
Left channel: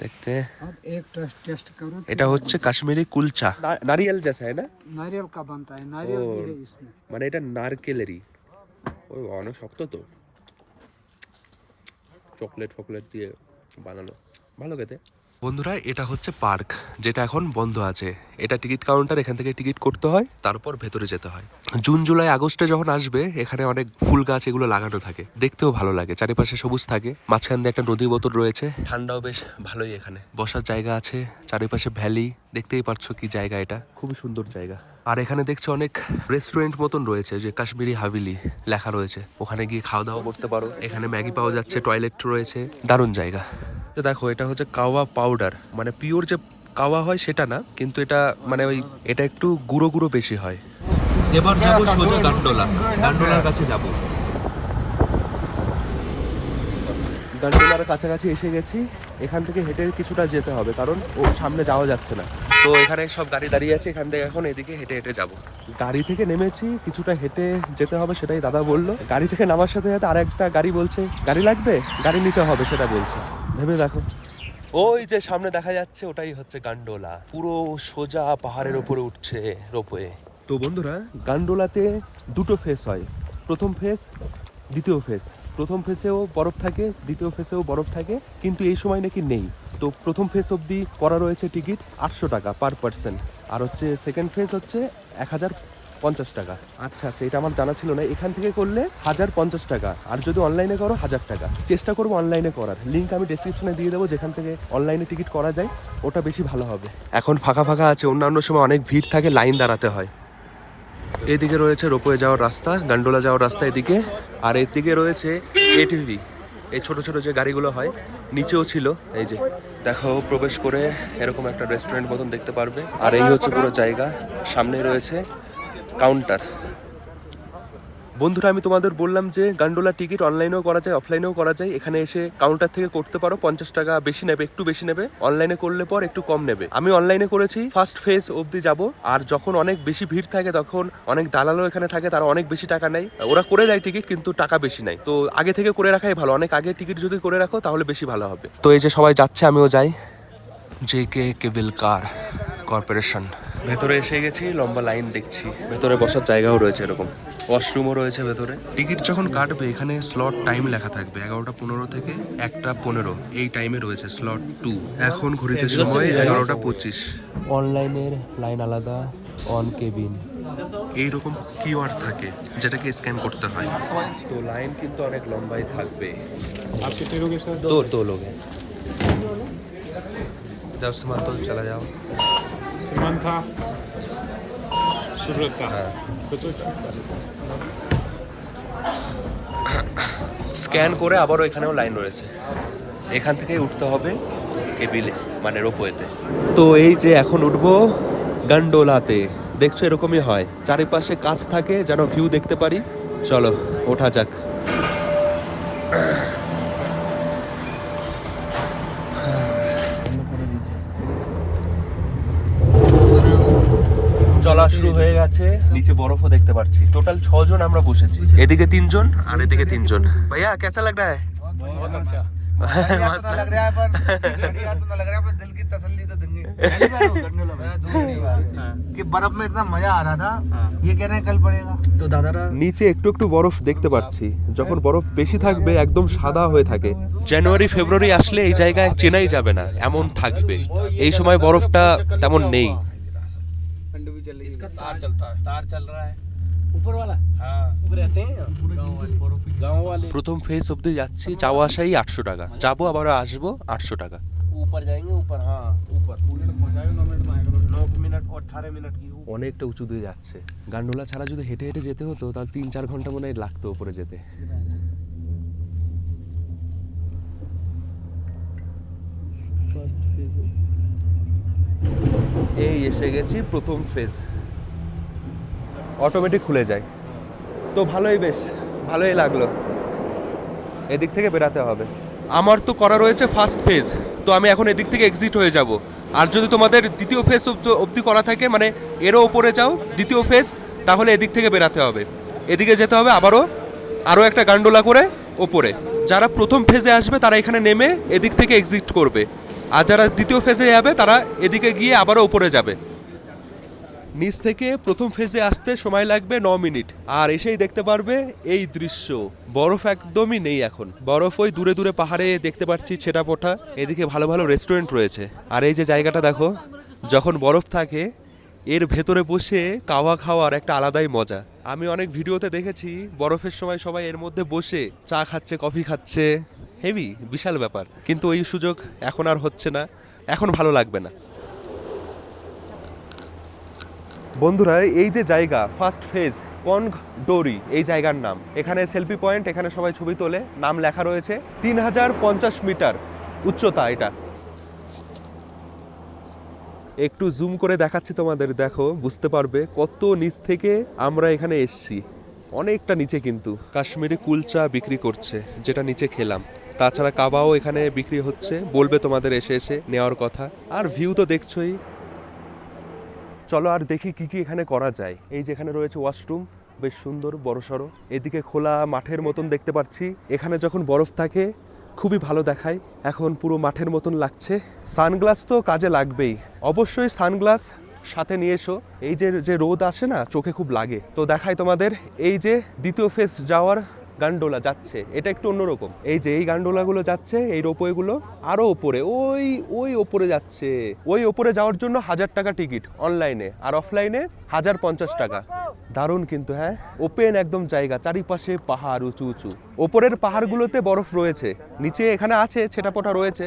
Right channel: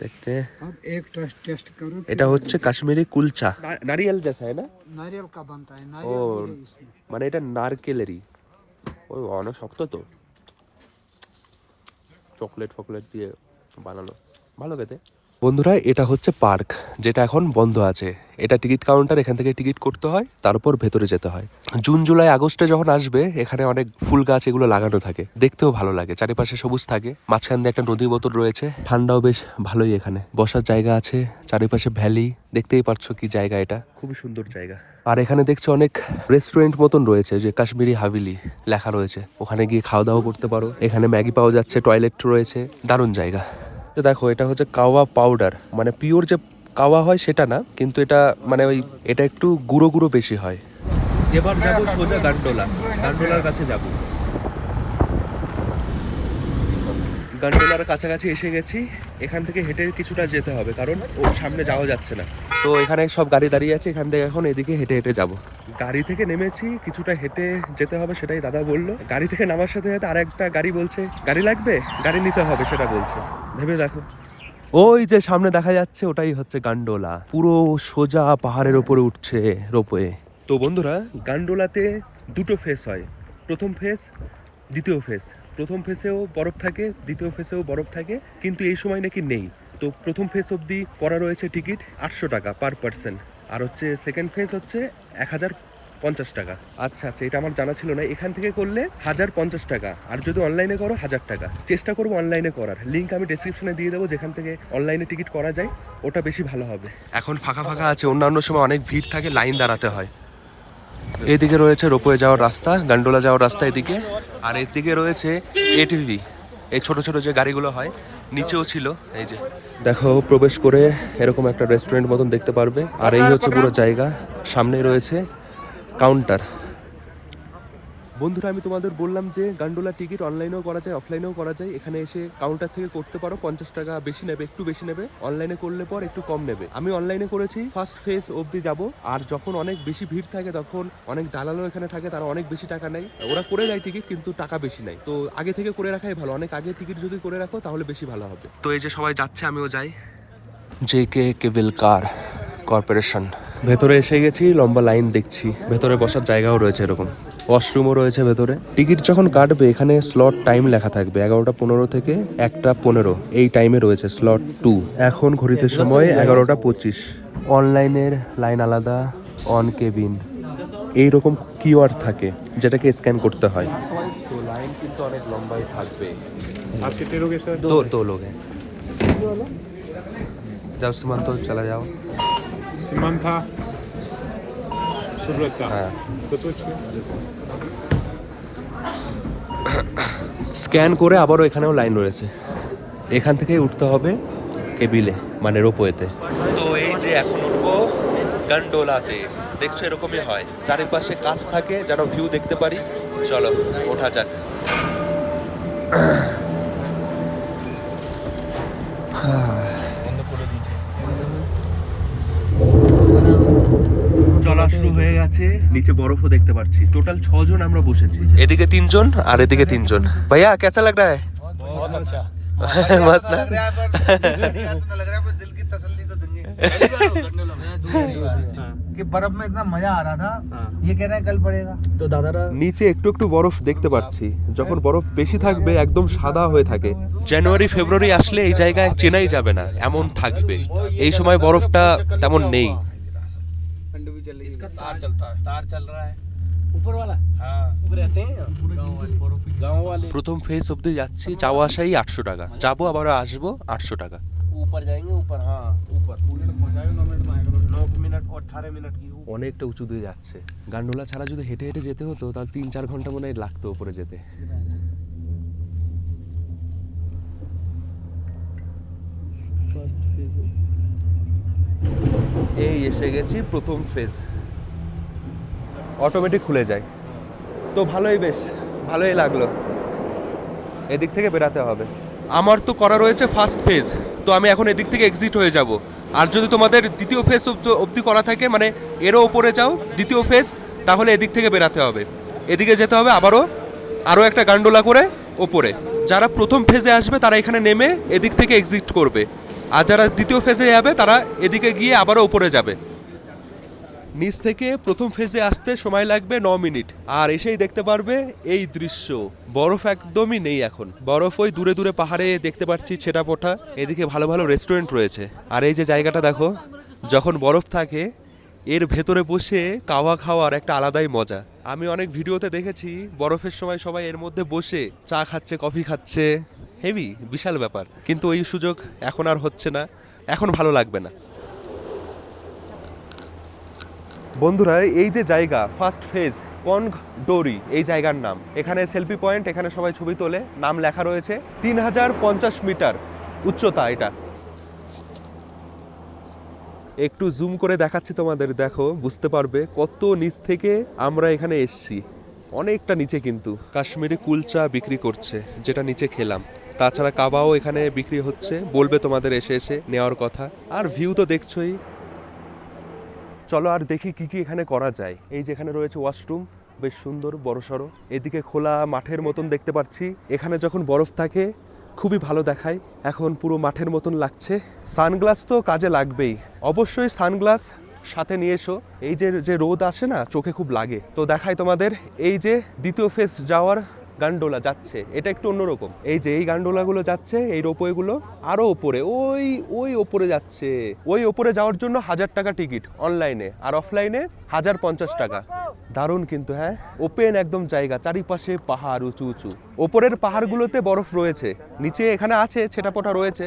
देखते हैं। अब एक टेस्ट करो। এটা হচ্ছে কাশ্মীরি কুলচা। নারিয়েল जैसा है ना? नारियल का बनता है। ও, नारियल भी है इसमें। মানে এটা নারকেলেরই। ওই অনেক শক্ত তো, চকলেট ফকলেট দিয়ে বানানো, ভালো খেতে। বন্ধুরা এটা হচ্ছে পার্ক, যেটা এখন বন্ধ আছে। এটা টিকিট কাউন্টার, এখান থেকে টিকিট করতে হয়, তারপর ভেতরে যেতে হয়। জুন জুলাই আগস্টে যখন আসবে এখানে অনেক ফুল গাছ এগুলো লাগানো থাকে, দেখতেও ভালো লাগে, চারিপাশে সবুজ থাকে, মাঝখান দিয়ে একটা নদী বোতল রয়েছে, ঠান্ডাও বেশ ভালোই, এখানে বসার জায়গা আছে, চারিপাশে ভ্যালি, দেখতেই পারছো কি জায়গা, এটা খুবই সুন্দর জায়গা। আর এখানে দেখছো অনেক রেস্টুরেন্ট মতন রয়েছে, যে কাশ্মীরি হাভেলি লেখা রয়েছে, ওখানে গিয়ে খাওয়া দাওয়া করতে পারো। এখানে ম্যাগি পাওয়া যাচ্ছে, টয়লেট রয়েছে, দারুণ জায়গা। দেখো এটা হচ্ছে কাওয়া পাউডার, মানে পিওর যে কাওয়া হয় সেটা না, কিন্তু এটা মানে ওই এটা একটু গুঁড়ো গুঁড়ো বেশি হয়। এবার যাবো সোজা গান্ডোলা, গান্ডোলার কাছে যাব। গান্ডোলার কাছাকাছি এসে গেছি, এখান থেকে হেঁটে কিছুটা যেতে হবে, কারণ ও সামনে যাওয়া যাচ্ছে না। তো এখানে সব গাড়ি দাঁড়িয়ে আছে, এখান থেকে এখন এদিকে হেঁটে হেঁটে যাব। গাড়ি থেকে নেমেছি, কিছুটা হেঁটে যেতে হবে, সেটাই দাদা বললো। গাড়ি থেকে নামার সাথে সাথে আরেকটা গাড়ি বলছে গাড়ি লাগবে, গাড়ি নিতে হবে, সেটা বলছে। ভেবে দেখো, ওই যে সামনে দেখা যাচ্ছে ওটাই হচ্ছে গান্ডোলা, পুরো সোজা পাহাড়ের ওপরে উঠছে রোপওয়ে। তো বন্ধুরা, গান্ডোলাতে দুটো ফেস হয়, প্রথম ফেস, দ্বিতীয় ফেস। প্রথম ফেসেও বরফ থাকে, দ্বিতীয় ফেসেও বরফ থাকে, কিন্তু এই সময় নাকি নেই। তো প্রথম ফেস অবধি করা রয়েছে টিকিট 800 টাকা পার পার্সন, আর হচ্ছে সেকেন্ড ফেস হচ্ছে 1050 টাকা। আচ্ছা আচ্ছা, এটা আমার জানা ছিল না। এখান থেকে করলে 1050 টাকা, আর যদি অনলাইনে করো 1000 টাকা। চেষ্টা করবো অনলাইনে করার, লিঙ্ক আমি ডেসক্রিপশনে দিয়ে দেবো, যেখান থেকে অনলাইনে টিকিট করা যায়, ওটা বেশি ভালো হবে। এখন ফাঁকা ফাঁকা আছে, অন্যান্য সময় অনেক ভিড় থাকে, লাইন দাঁড়াতে হয়। এদিকে রয়েছে রোপওয়ে যাওয়ার রাস্তা, গান্ডোলা যাওয়ার রাস্তা এদিকে, আর এদিকে রয়েছে এটিভি, এই ছোট ছোট যে গাড়িগুলো হয়, নিচেও ছিল। এই যে দেখো, প্রবেশ করে এরকম একটা রেস্টুরেন্ট মতন দেখতে পারবে, আর এই হচ্ছে পুরো জায়গা, সামনে রয়েছে কাউন্টার। বন্ধুরা, আমি তোমাদের বললাম যে গান্ডোলা টিকিট অনলাইনেও করা যায়, অফলাইনেও করা যায়। এখানে এসে কাউন্টার থেকে করতে পারো, 50 টাকা বেশি নেবে, একটু বেশি নেবে। অনলাইনে করলে পর একটু কম নেবে। আমি অনলাইনে করেছি, ফার্স্ট ফেজ অবধি যাব, আর যখন অনেক বেশি ভিড় থাকে তখন অনেক দালালও এখানে থাকে, তারা অনেক বেশি টাকা নেয়, ওরা করে দেয় টিকিট, কিন্তু টাকা বেশি নেয়। তো আগে থেকে করে রাখাই ভালো, অনেক আগে টিকিট যদি করে রাখো তাহলে বেশি ভালো হবে। তো এই যে সবাই যাচ্ছে, আমিও যাই। JK কেবল কার কর্পোরেশন, ভেতরে এসে গেছি, লম্বা লাইন দেখছি, ভেতরে বসার জায়গাও রয়েছে, এরকম ওয়াশরুমও রয়েছে ভেতরে। টিকিট যখন কাটবে এখানে স্লট টাইম লেখা থাকবে, 11:15 থেকে 1:15, এই টাইমে রয়েছে স্লট 2। এখন ঘড়িতে সময় 11:25। অনলাইনের লাইন আলাদা, অন কেবিন এইরকম কিউআর থাকে, যেটাকে স্ক্যান করতে হয়। তো লাইন কিন্তু অনেক লম্বাই থাকবে। आप कितने लोग हैं सर? दो लोग हैं। जाओ सीमांत, तो चला जाओ। सीमान था, सुब्रत था। हाँ। तो স্ক্যান করে আবারও এখানেও লাইন রয়েছে, এখান থেকে উঠতে হবে কেবিলে, মানে রোপওয়েতে। তো এই যে এখন উঠবো গান্ডোলাতে, দেখছো এরকমই হয়, চারিপাশে কাজ থাকে যেন ভিউ দেখতে পারি। চলো ওঠা যাক। চলা শুরু হয়ে গেছে, নিচে বরফও দেখতে পাচ্ছি। টোটাল 6 জন আমরা বসেছি, এদিকে 3 জন আর এদিকে 3 জন। ভাইয়া कैसा लग रहा है? मस्त ना? कि बर्फ में इतना मजा आ रहा था, ये कह रहे हैं कल पड़ेगा। तो दादारा নিচে একটু একটু বরফ দেখতে পাচ্ছি, যখন বরফ বেশি থাকবে একদম সাদা হয়ে থাকে। জানুয়ারি ফেব্রুয়ারি আসলে এই জায়গায় চেনাই যাবে না, এমন থাকবে। এই সময় বরফটা তেমন নেই। इसका तार चलता है, तार चल रहा है ऊपर वाला। हाँ, ऊपर रहते हैं गाँव वाले। প্রথম ফেজ অবধি যাচ্ছি, যাওয়া আসাই 800 টাকা, যাবো আবার আসবো 800 টাকা। ऊपर जाएंगे, ऊपर। हाँ, ऊपर 9 मिनट और 18 मिनट की। অনেকটা উঁচু দিয়ে যাচ্ছে। গান্ডোলা ছাড়া যদি হেঁটে হেঁটে যেতে হতো তাহলে 3-4 ঘন্টা মনে হয় লাগতো উপরে যেতে। এই এসে গেছি প্রথম ফেজ, অটোমেটিক খুলে যায়, তো ভালোই, বেশ ভালোই লাগলো। এদিক থেকে বেরাতে হবে। আমার তো করা রয়েছে ফার্স্ট ফেজ, তো আমি এখন এদিক থেকে এক্সিট হয়ে যাব। আর যদি তোমাদের দ্বিতীয় ফেজ অবধি করা থাকে, মানে এরও ওপরে যাও দ্বিতীয় ফেজ, তাহলে এদিক থেকে বেরাতে হবে, এদিকে যেতে হবে আরও একটা গান্ডোলা করে ওপরে। যারা প্রথম ফেজে আসবে তারা এখানে নেমে এদিক থেকে এক্সিট করবে, আর যারা দ্বিতীয় ফেজে যাবে তারা এদিকে গিয়ে আবারও ওপরে যাবে। নিচ থেকে প্রথম ফেজে আসতে সময় লাগবে 9 মিনিট, আর এসেই দেখতে পারবে এই দৃশ্য। বরফ একদমই নেই এখন, বরফ ওই দূরে দূরে পাহাড়ে দেখতে পাচ্ছি ছেটা পোটা। এদিকে ভালো ভালো রেস্টুরেন্ট রয়েছে। আর এই যে জায়গাটা দেখো, যখন বরফ থাকে এর ভেতরে বসে কাওয়া খাওয়ার একটা আলাদাই মজা। আমি অনেক ভিডিওতে দেখেছি বরফের সময় সবাই এর মধ্যে বসে চা খাচ্ছে, কফি খাচ্ছে, হেভি বিশাল ব্যাপার। কিন্তু ওই সুযোগ এখন আর হচ্ছে না, এখন ভালো লাগবে না। বন্ধুরা, এই যে জায়গা ফার্স্ট ফেজ কনগ ডোরি, এই জায়গার নাম। এখানে সেলফি পয়েন্ট, এখানে সবাই ছবি তোলে, নাম লেখা রয়েছে। 3050 মিটার উচ্চতা এটা। একটু জুম করে দেখাচ্ছি তোমাদের, দেখো বুঝতে পারবে কত নিচ থেকে আমরা এখানে এসছি। অনেকটা নিচে কিন্তু কাশ্মীরি কুলচা বিক্রি করছে, যেটা নিচে খেলাম। তাছাড়া কাবাও এখানে বিক্রি হচ্ছে, বলবে তোমাদের এসে এসে নেওয়ার কথা। আর ভিউ তো দেখছোই। চলো আর দেখি কি কি এখানে করা যায়। এই যেখানে রয়েছে ওয়াশরুম, বেশ সুন্দর বড়সড়। এদিকে খোলা মাঠের মতন দেখতে পাচ্ছি। এখানে যখন বরফ থাকে খুবই ভালো দেখায়, এখন পুরো মাঠের মতন লাগছে। সানগ্লাস তো কাজে লাগবেই, অবশ্যই সানগ্লাস সাথে নিয়ে এসো। এই যে রোদ আসে না, চোখে খুব লাগে। তো দেখাই তোমাদের, এই যে দ্বিতীয় ফেজ যাওয়ার গান্ডোলা যাচ্ছে, এটা একটু অন্যরকম। এই যে এই গান্ডোলাগুলো যাচ্ছে, এই রোপওয়েগুলো আরো ওপরে, ওই ওপরে যাচ্ছে। ওই ওপরে যাওয়ার জন্য 1000 টাকা টিকিট অনলাইনে, আর অফলাইনে 1050 টাকা। দারুণ কিন্তু, হ্যাঁ, ওপেন একদম জায়গা, চারিপাশে পাহাড় উঁচু উঁচু। ওপরের পাহাড়গুলোতে বরফ রয়েছে, নিচে এখানে আছে ছেটাপোটা রয়েছে।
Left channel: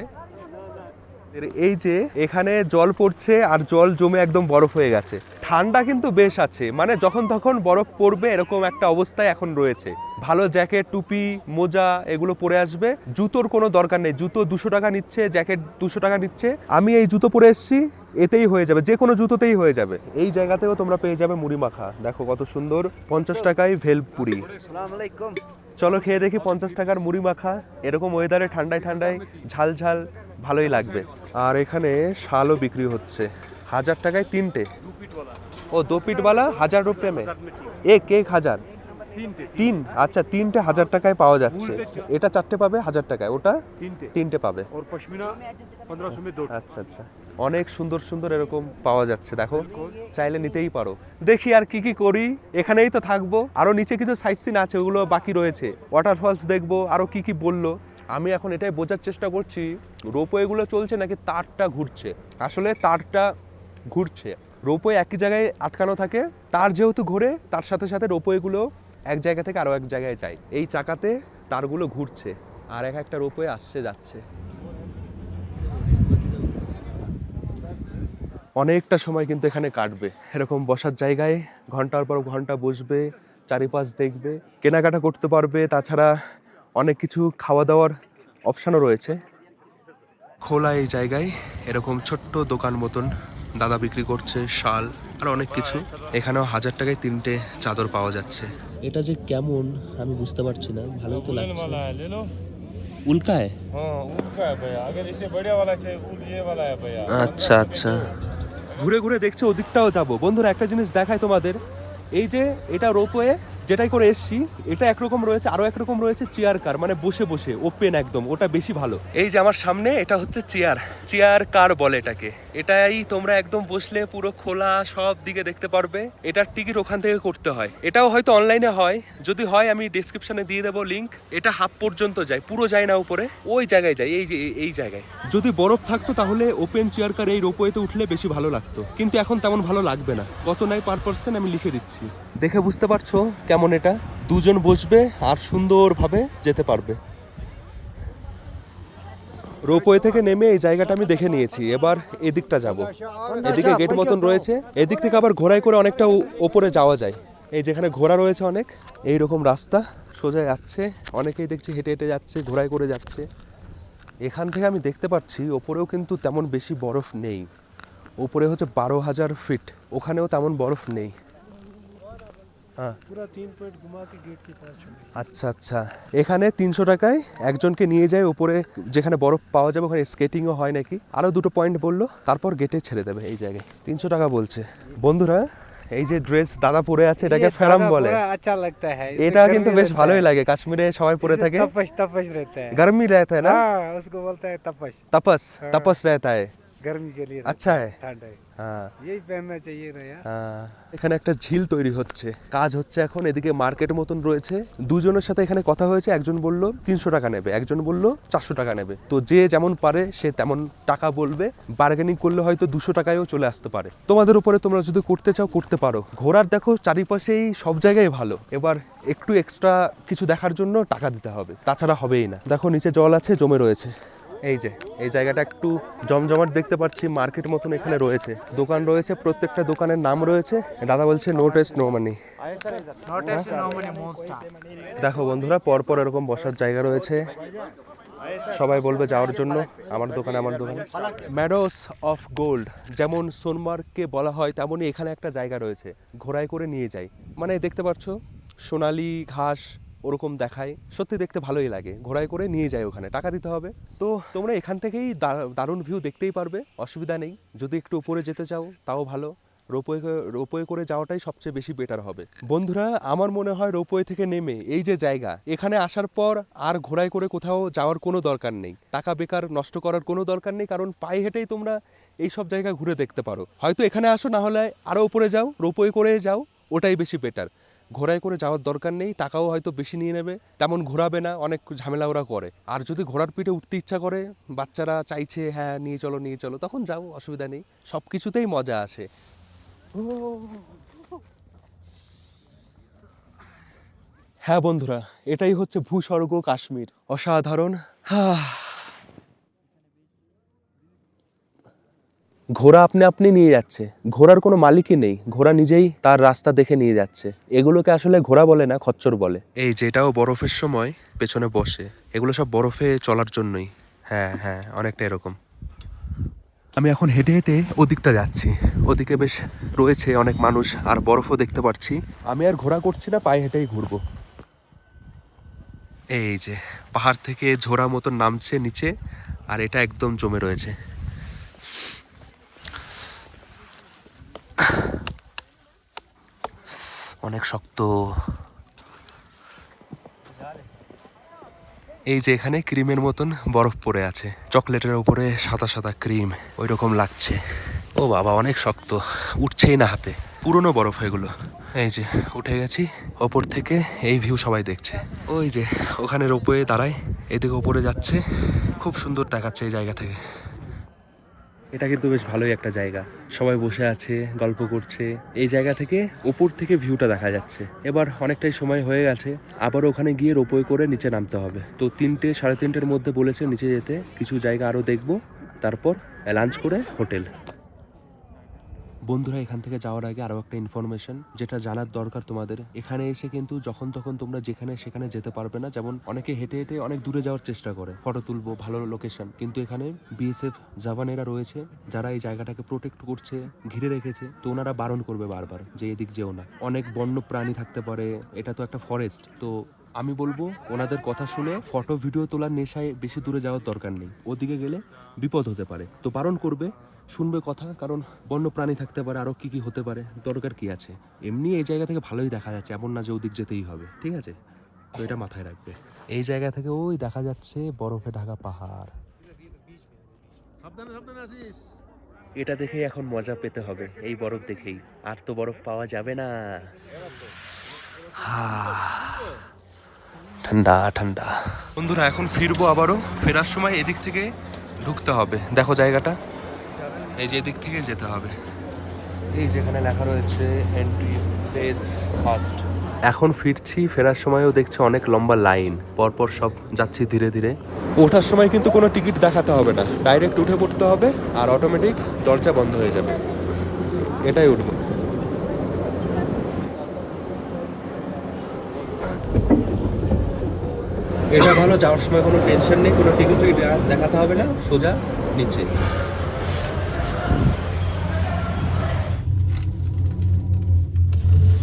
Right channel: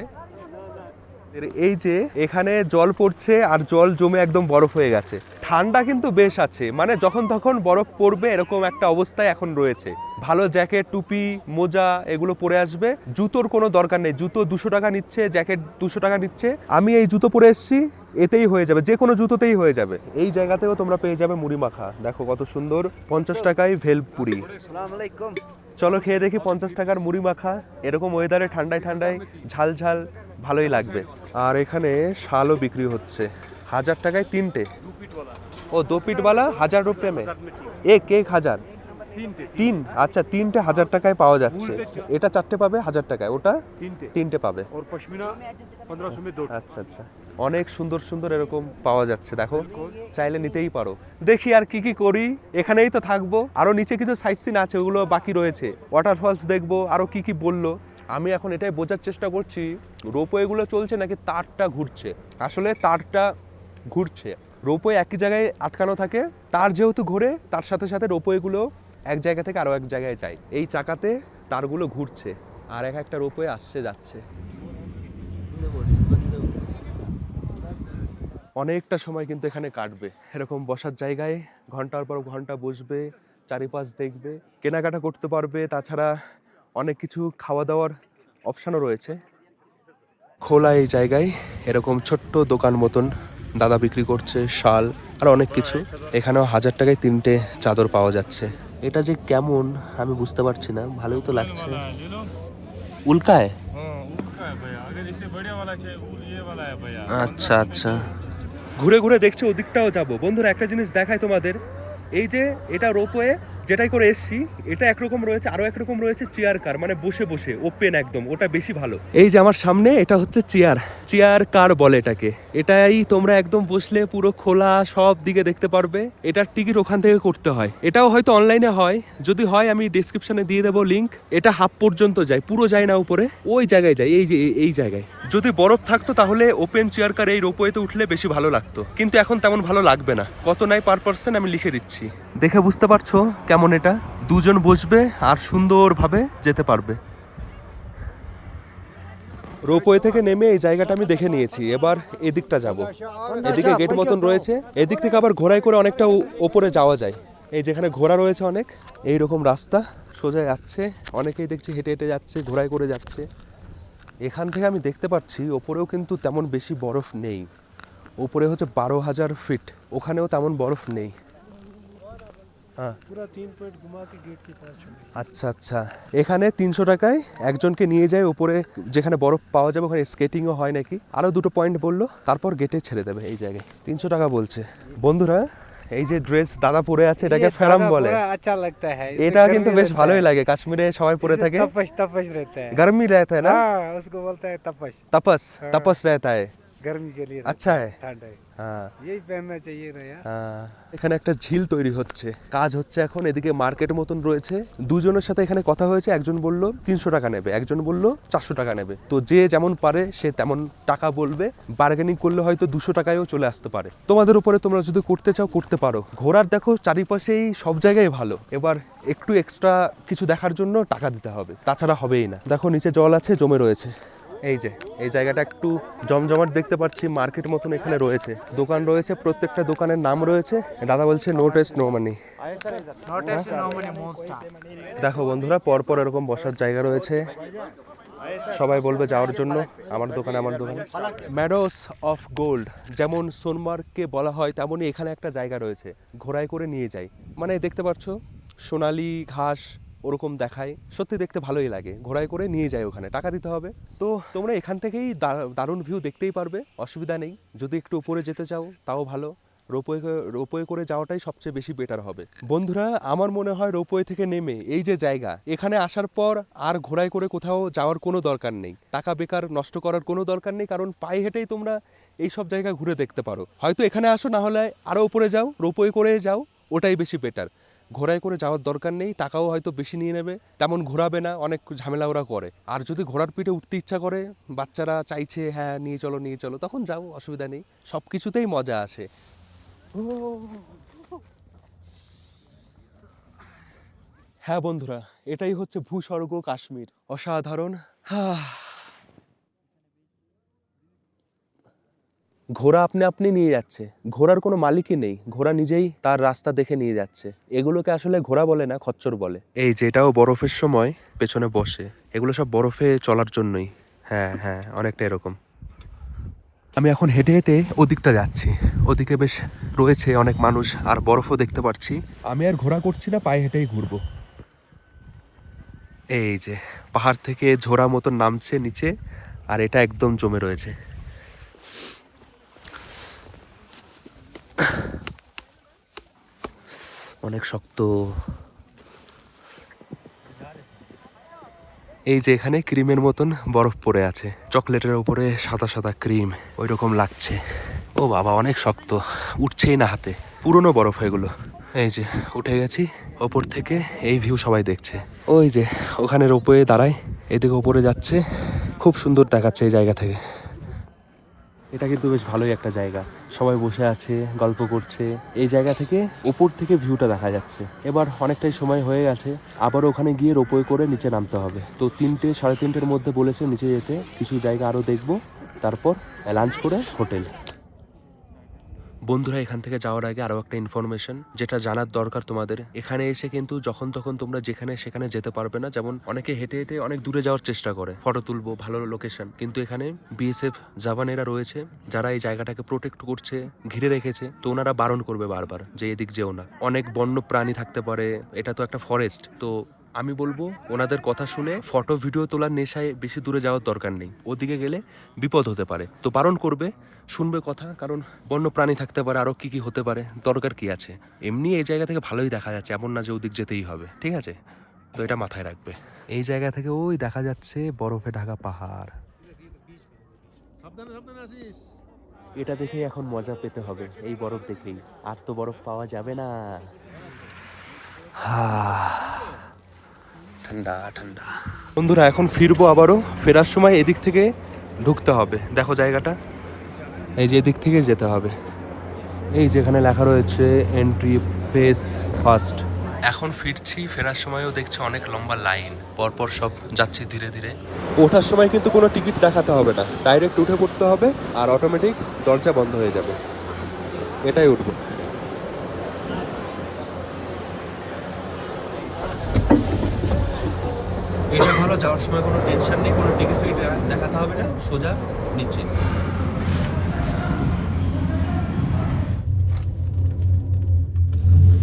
এই যে এখানে জল পড়ছে আর জল জমে একদম বরফ হয়ে গেছে। ঠান্ডা কিন্তু বেশ আছে, মানে যখন তখন বরফ পড়বে এরকম একটা অবস্থায় এখন রয়েছে। ভালো জ্যাকেট, টুপি, মোজা এগুলো পরে আসবে। জুতোর কোনো দরকার নেই, জুতো 200 টাকা নিচ্ছে, জ্যাকেট 200 টাকা নিচ্ছে। আমি এই জুতো পরে এসেছি, এতেই হয়ে যাবে, যে কোনো জুতোতেই হয়ে যাবে। এই জায়গাতেও তোমরা পেয়ে যাবে মুড়ি মাখা, দেখো কত সুন্দর, 50 টাকায় ভেলপুরি। চলো খেয়ে দেখি 50 টাকার মুড়ি মাখা। এরকম ওয়েদারে ঠান্ডায় ঠান্ডায় ঝাল ঝাল ভালোই লাগবে। আর এখানে শালও বিক্রি হচ্ছে 1000 টাকায় 3টে। ও 2 পিটওয়ালা 1000 রুপিয়ে মে এক 1000। 3, আচ্ছা 3টে 1000 টাকায় পাওয়া যাচ্ছে। এটা 4টে পাবে 1000 টাকায়, ওটা 3টে পাবে। আচ্ছা আচ্ছা, অনেক সুন্দর সুন্দর এরকম পাওয়া যাচ্ছে, দেখো চাইলে নিতেই পারো। দেখি আর কি কি করি, এখানেই তো থাকবো। আরো নিচে কিছু সাইট সিন আছে, ওগুলো বাকি রয়েছে। ওয়াটারফলস দেখবো, আরো কি কি বললো। আমি এখন এটাই বোঝার চেষ্টা করছি, রোপওয়েগুলো চলছে নাকি তারটা ঘুরছে। আসলে তারটা ঘুরছে, রোপওয়ে একই জায়গায় আটকানো থাকে। তার যেহেতু ঘোরে, তার সাথে সাথে রোপওয়েগুলো এক জায়গা থেকে আরো এক জায়গায় যায়। এই চাকাতে তারগুলো ঘুরছে, আর একটা রোপওয়ে আসছে যাচ্ছে। অনেকটা সময় কিন্তু এখানে কাটবে, এরকম বসার জায়গায় ঘন্টার পর ঘন্টা বসবে, চারিপাশ দেখবে, কেনাকাটা করতে পারবে। তাছাড়া অনেক কিছু খাওয়া দাওয়ার অপশানও রয়েছে। খোলা এই জায়গায় এরকম ছোট্ট দোকান মতন দাদা বিক্রি করছে শাল আর অনেক কিছু। এখানেও 1000 টাকায় 3টে চাদর পাওয়া যাচ্ছে। এটা যে কেমন আমি বুঝতে পারছি না, ভালোই তো লাগছে। উল্কায়, उनका है भैया, अगर इससे बढ़िया वाला चाहिए ये वाला है भैया। আচ্ছা আচ্ছা, ঘুরে ঘুরে দেখছি ওদিকটাও যাব। বন্ধুরা একটা জিনিস দেখাই তোমাদের, এই যে এটা রোপওয়ে যেটাই করে এসছি, এটা একরকম রয়েছে, আরো একরকম রয়েছে চেয়ার কার, মানে বসে বসে ওপেন একদম, ওটা বেশি ভালো। এই যে আমার সামনে এটা হচ্ছে চেয়ার কার বলে এটাকে। এটাই তোমরা একদম বসলে পুরো খোলা সব দিকে দেখতে পারবে। এটার টিকিট ওখান থেকে করতে হয়, এটাও হয়তো অনলাইনে হয়, যদি হয় আমি ডেসক্রিপশনে দিয়ে দেবো লিঙ্ক। এটা হাফ পর্যন্ত যায়, পুরো যায় না উপরে, ওই জায়গায় যায়, এই যে এই জায়গায়। যদি বরফ থাকতো তাহলে ওপেন চেয়ার কার এই রোপওয়েতে উঠলে বেশি ভালো লাগতো, কিন্তু এখন তেমন ভালো লাগবে না। কত নাই পার পার্সন আমি লিখে দিচ্ছি, দেখে বুঝতে পারছো কেমন। এটা দুজন বসবে আর সুন্দরভাবে যেতে পারবে। রোপওয়ে থেকে নেমে এই জায়গাটা আমি দেখে নিয়েছি, এবার এদিকটা যাব। এদিকে গেট মতন রয়েছে, এদিক থেকে আবার ঘোড়ায় করে অনেকটা ওপরে যাওয়া যায়। এই যেখানে ঘোড়া রয়েছে অনেক, এইরকম রাস্তা সোজা যাচ্ছে, অনেকেই দেখছি হেঁটে হেঁটে যাচ্ছে, ঘোড়ায় করে যাচ্ছে। এখান থেকে আমি দেখতে পাচ্ছি ওপরেও কিন্তু তেমন বেশি বরফ নেই। ওপরে হচ্ছে 12,000 ফিট, ওখানেও তেমন বরফ নেই। হ্যাঁ, पूरा 3 पॉइंट घुमा के गेट के पास छोड़। আচ্ছা আচ্ছা, এখানে 300 টাকায় একজনকে নিয়ে যায় উপরে, যেখানে বরফ পাওয়া যাবে, ওখানে স্কেটিংও হয় নাকি। আরও 2টো পয়েন্ট বললো, তারপর গেটে ছেড়ে দেবে। এই জায়গায় 300 টাকা বলছে। বন্ধুরা এই যে ড্রেস দাদা পরে আছে, এটাকে ফেরাম বলে। अच्छा लगता है, এটা কিন্তু বেশ ভালোই লাগে, কাশ্মীরে সবাই পরে থাকে। तपश रहता है। गर्मी रहता है ना, हाँ, उसको बोलता है तपश। तपस रहता है। गर्मी के लिए अच्छा है ठंड है हाँ यही पहनना चाहिए ना यार হ্যাঁ, এখানে একটা ঝিল তৈরি হচ্ছে, কাজ হচ্ছে এখন। এদিকে মার্কেট মতন রয়েছে। দুজনের সাথে এখানে কথা হয়েছে, একজন বলল 300 টাকা নেবে, একজন বলল 400 টাকা নেবে। তো যে যেমন পারে সে তেমন টাকা বলবে, বার্গেনিং করলে হয়তো 200 টাকায়ও চলে আসতে পারে। তোমাদের উপরে, তোমরা যদি করতে চাও করতে পারো। ঘোরার দেখো চারিপাশেই সব জায়গায় ভালো, এবার একটু এক্সট্রা কিছু দেখার জন্য টাকা দিতে হবে, তাছাড়া হবেই না। দেখো নিচে জল আছে, জমে রয়েছে। এই যে এই জায়গাটা একটু জমজমাট দেখতে পাচ্ছি, মার্কেট মতন এখানে রয়েছে, দোকান রয়েছে, প্রত্যেকটা দোকানের নাম রয়েছে। দাদা বলছে নো টেস্ট নো মানি। দেখো বন্ধুরা, পরপর এরকম বসার জায়গা রয়েছে, সবাই বলবে যাওয়ার জন্য। আমার দোকানে ম্যাডোস অফ গোল্ড, যেমন সোনমার্গকে বলা হয় তেমনই এখানে একটা জায়গা রয়েছে, ঘোড়ায় করে নিয়ে যায়। মানে দেখতে পাচ্ছ সোনালি ঘাস ওরকম দেখায়, সত্যি দেখতে ভালোই লাগে। ঘোড়ায় করে নিয়ে যায়, ওখানে টাকা দিতে হবে। তো তোমরা এখান থেকেই দারুণ ভিউ দেখতেই পারবে, অসুবিধা নেই। যদি একটু উপরে যেতে চাও তাও ভালো, রোপওয়ে করে যাওয়াটাই সবচেয়ে বেশি বেটার হবে। বন্ধুরা, আমার মনে হয় রোপওয়ে থেকে নেমে এই যে জায়গা, এখানে আসার পর আর ঘোড়ায় করে কোথাও যাওয়ার কোনো দরকার নেই, টাকা বেকার নষ্ট করার কোনো দরকার নেই, কারণ পায়ে হেঁটেই তোমরা এই সব জায়গা ঘুরে দেখতে পারো। হয়তো এখানে আসো, না হলে আরও উপরে যাও, রোপওয়ে করে যাও, ওটাই বেশি বেটার। ঘোড়ায় করে যাওয়ার দরকার নেই, টাকাও হয়তো বেশি নিয়ে নেবে, তেমন ঘোরাবে না, অনেক ঝামেলা ওরা করে। আর যদি ঘোড়ার পিঠে উঠতে ইচ্ছা করে, বাচ্চারা চাইছে হ্যাঁ নিয়ে চলো, তখন যাও, অসুবিধা নেই। সব কিছুতেই মজা আসে। হ্যাঁ বন্ধুরা, এটাই হচ্ছে ভূস্বর্গ কাশ্মীর, অসাধারণ। ঘোড়া আপনি নিয়ে যাচ্ছে, ঘোড়ার কোনো মালিকই নেই, ঘোড়া নিজেই তার রাস্তা দেখে নিয়ে যাচ্ছে। এগুলোকে আসলে ঘোড়া বলে না, খচ্চর বলে। এই যেটাও বরফের সময় পেছনে বসে, এগুলো সব বরফে চলার জন্যই। হ্যাঁ অনেকটা এরকম। আমি এখন হেঁটে হেঁটে ওদিকটা যাচ্ছি, ওদিকে বেশ রয়েছে অনেক মানুষ, আর বরফও দেখতে পাচ্ছি। আমি আর ঘোড়া করছি না, পায়ে হেঁটেই ঘুরবো। এই যে পাহাড় থেকে ঝোড়া মতন নামছে নিচে, আর এটা একদম জমে রয়েছে। অনেক শক্ত। এই যে এখানে ক্রিমের মতন বরফ পড়ে আছে, চকলেটের উপরে সাদা সাদা ক্রিম, ওই রকম লাগছে। ও বাবা, অনেক শক্ত, উঠছেই না হাতে, পুরনো বরফ এগুলো। এই যে উঠে গেছি ওপর থেকে, এই ভিউ সবাই দেখছে। ওই যে ওখানে রোপওয়ে দাঁড়ায়, এদিকে ওপরে যাচ্ছে, খুব সুন্দর দেখাচ্ছে এই জায়গা থেকে। এটা কিন্তু বেশ ভালোই একটা জায়গা, সবাই বসে আছে, গল্প করছে। এই জায়গা থেকে উপর থেকে ভিউটা দেখা যাচ্ছে। এবার অনেকটাই সময় হয়ে গেছে, আবার ওখানে গিয়ে রোপওয়ে করে নিচে নামতে হবে। তো 3টে সাড়ে 3টের মধ্যে বলেছে নিচে যেতে, কিছু জায়গা আরও দেখবো, তারপর লাঞ্চ করে হোটেল। বন্ধুরা, এখান থেকে যাওয়ার আগে আরও একটা ইনফরমেশন যেটা জানার দরকার তোমাদের। এখানে এসে কিন্তু যখন তখন তোমরা যেখানে সেখানে যেতে পারবে না। যেমন অনেকে হেঁটে হেঁটে অনেক দূরে যাওয়ার চেষ্টা করে, ফটো তুলবো, ভালো লোকেশন, কিন্তু এখানে বিএসএফ জওয়ানেরা রয়েছে যারা এই জায়গাটাকে প্রোটেক্ট করছে, ঘিরে রেখেছে। তো ওনারা বারণ করবে বারবার যে এদিক যেও না, অনেক বন্য প্রাণী থাকতে পারে, এটা তো একটা ফরেস্ট। তো আমি বলবো ওনাদের কথা শুনে ফটো ভিডিও তোলার নেশায় বেশি দূরে যাওয়ার দরকার নেই, ওদিকে গেলে বিপদ হতে পারে। তো বারণ করবে, শুনবে কথা, কারণ বন্য প্রাণী থাকতে পারে, আরও কি হতে পারে, দরকার কি আছে। এমনি এই জায়গা থেকে ভালোই দেখা যাচ্ছে, এমন না যে ওদিক যেতেই হবে, ঠিক আছে? তো এটা মাথায় রাখবে। এই জায়গা থেকে ওই দেখা যাচ্ছে বরফে ঢাকা পাহাড়, এটা দেখেই এখন মজা পেতে হবে, এই বরফ দেখেই। আর তো বরফ পাওয়া যাবে না। ঠান্ডা ঠান্ডা। বন্ধুরা, এখন ফিরবো আবারও। ফেরার সময় এদিক থেকে ঢুকতে হবে, দেখো জায়গাটা, এই যে এদিক থেকে যেতে হবে। এই যেখানে লেখা রয়েছে এন্ট্রি ফেস ফার্স্ট। এখন ফিরছি, ফেরার সময়ও দেখছি অনেক লম্বা লাইন, পরপর সব যাচ্ছি ধীরে ধীরে। ওঠার সময় কিন্তু কোনো টিকিট দেখাতে হবে না, ডাইরেক্ট উঠে পড়তে হবে, আর অটোমেটিক দরজা বন্ধ হয়ে যাবে, এটাই উঠবো। এটা ভালো, যাওয়ার সময় কোনো টেনশন নেই, কোনো টিকিট দেখাতে হবে না, সোজা নিচে।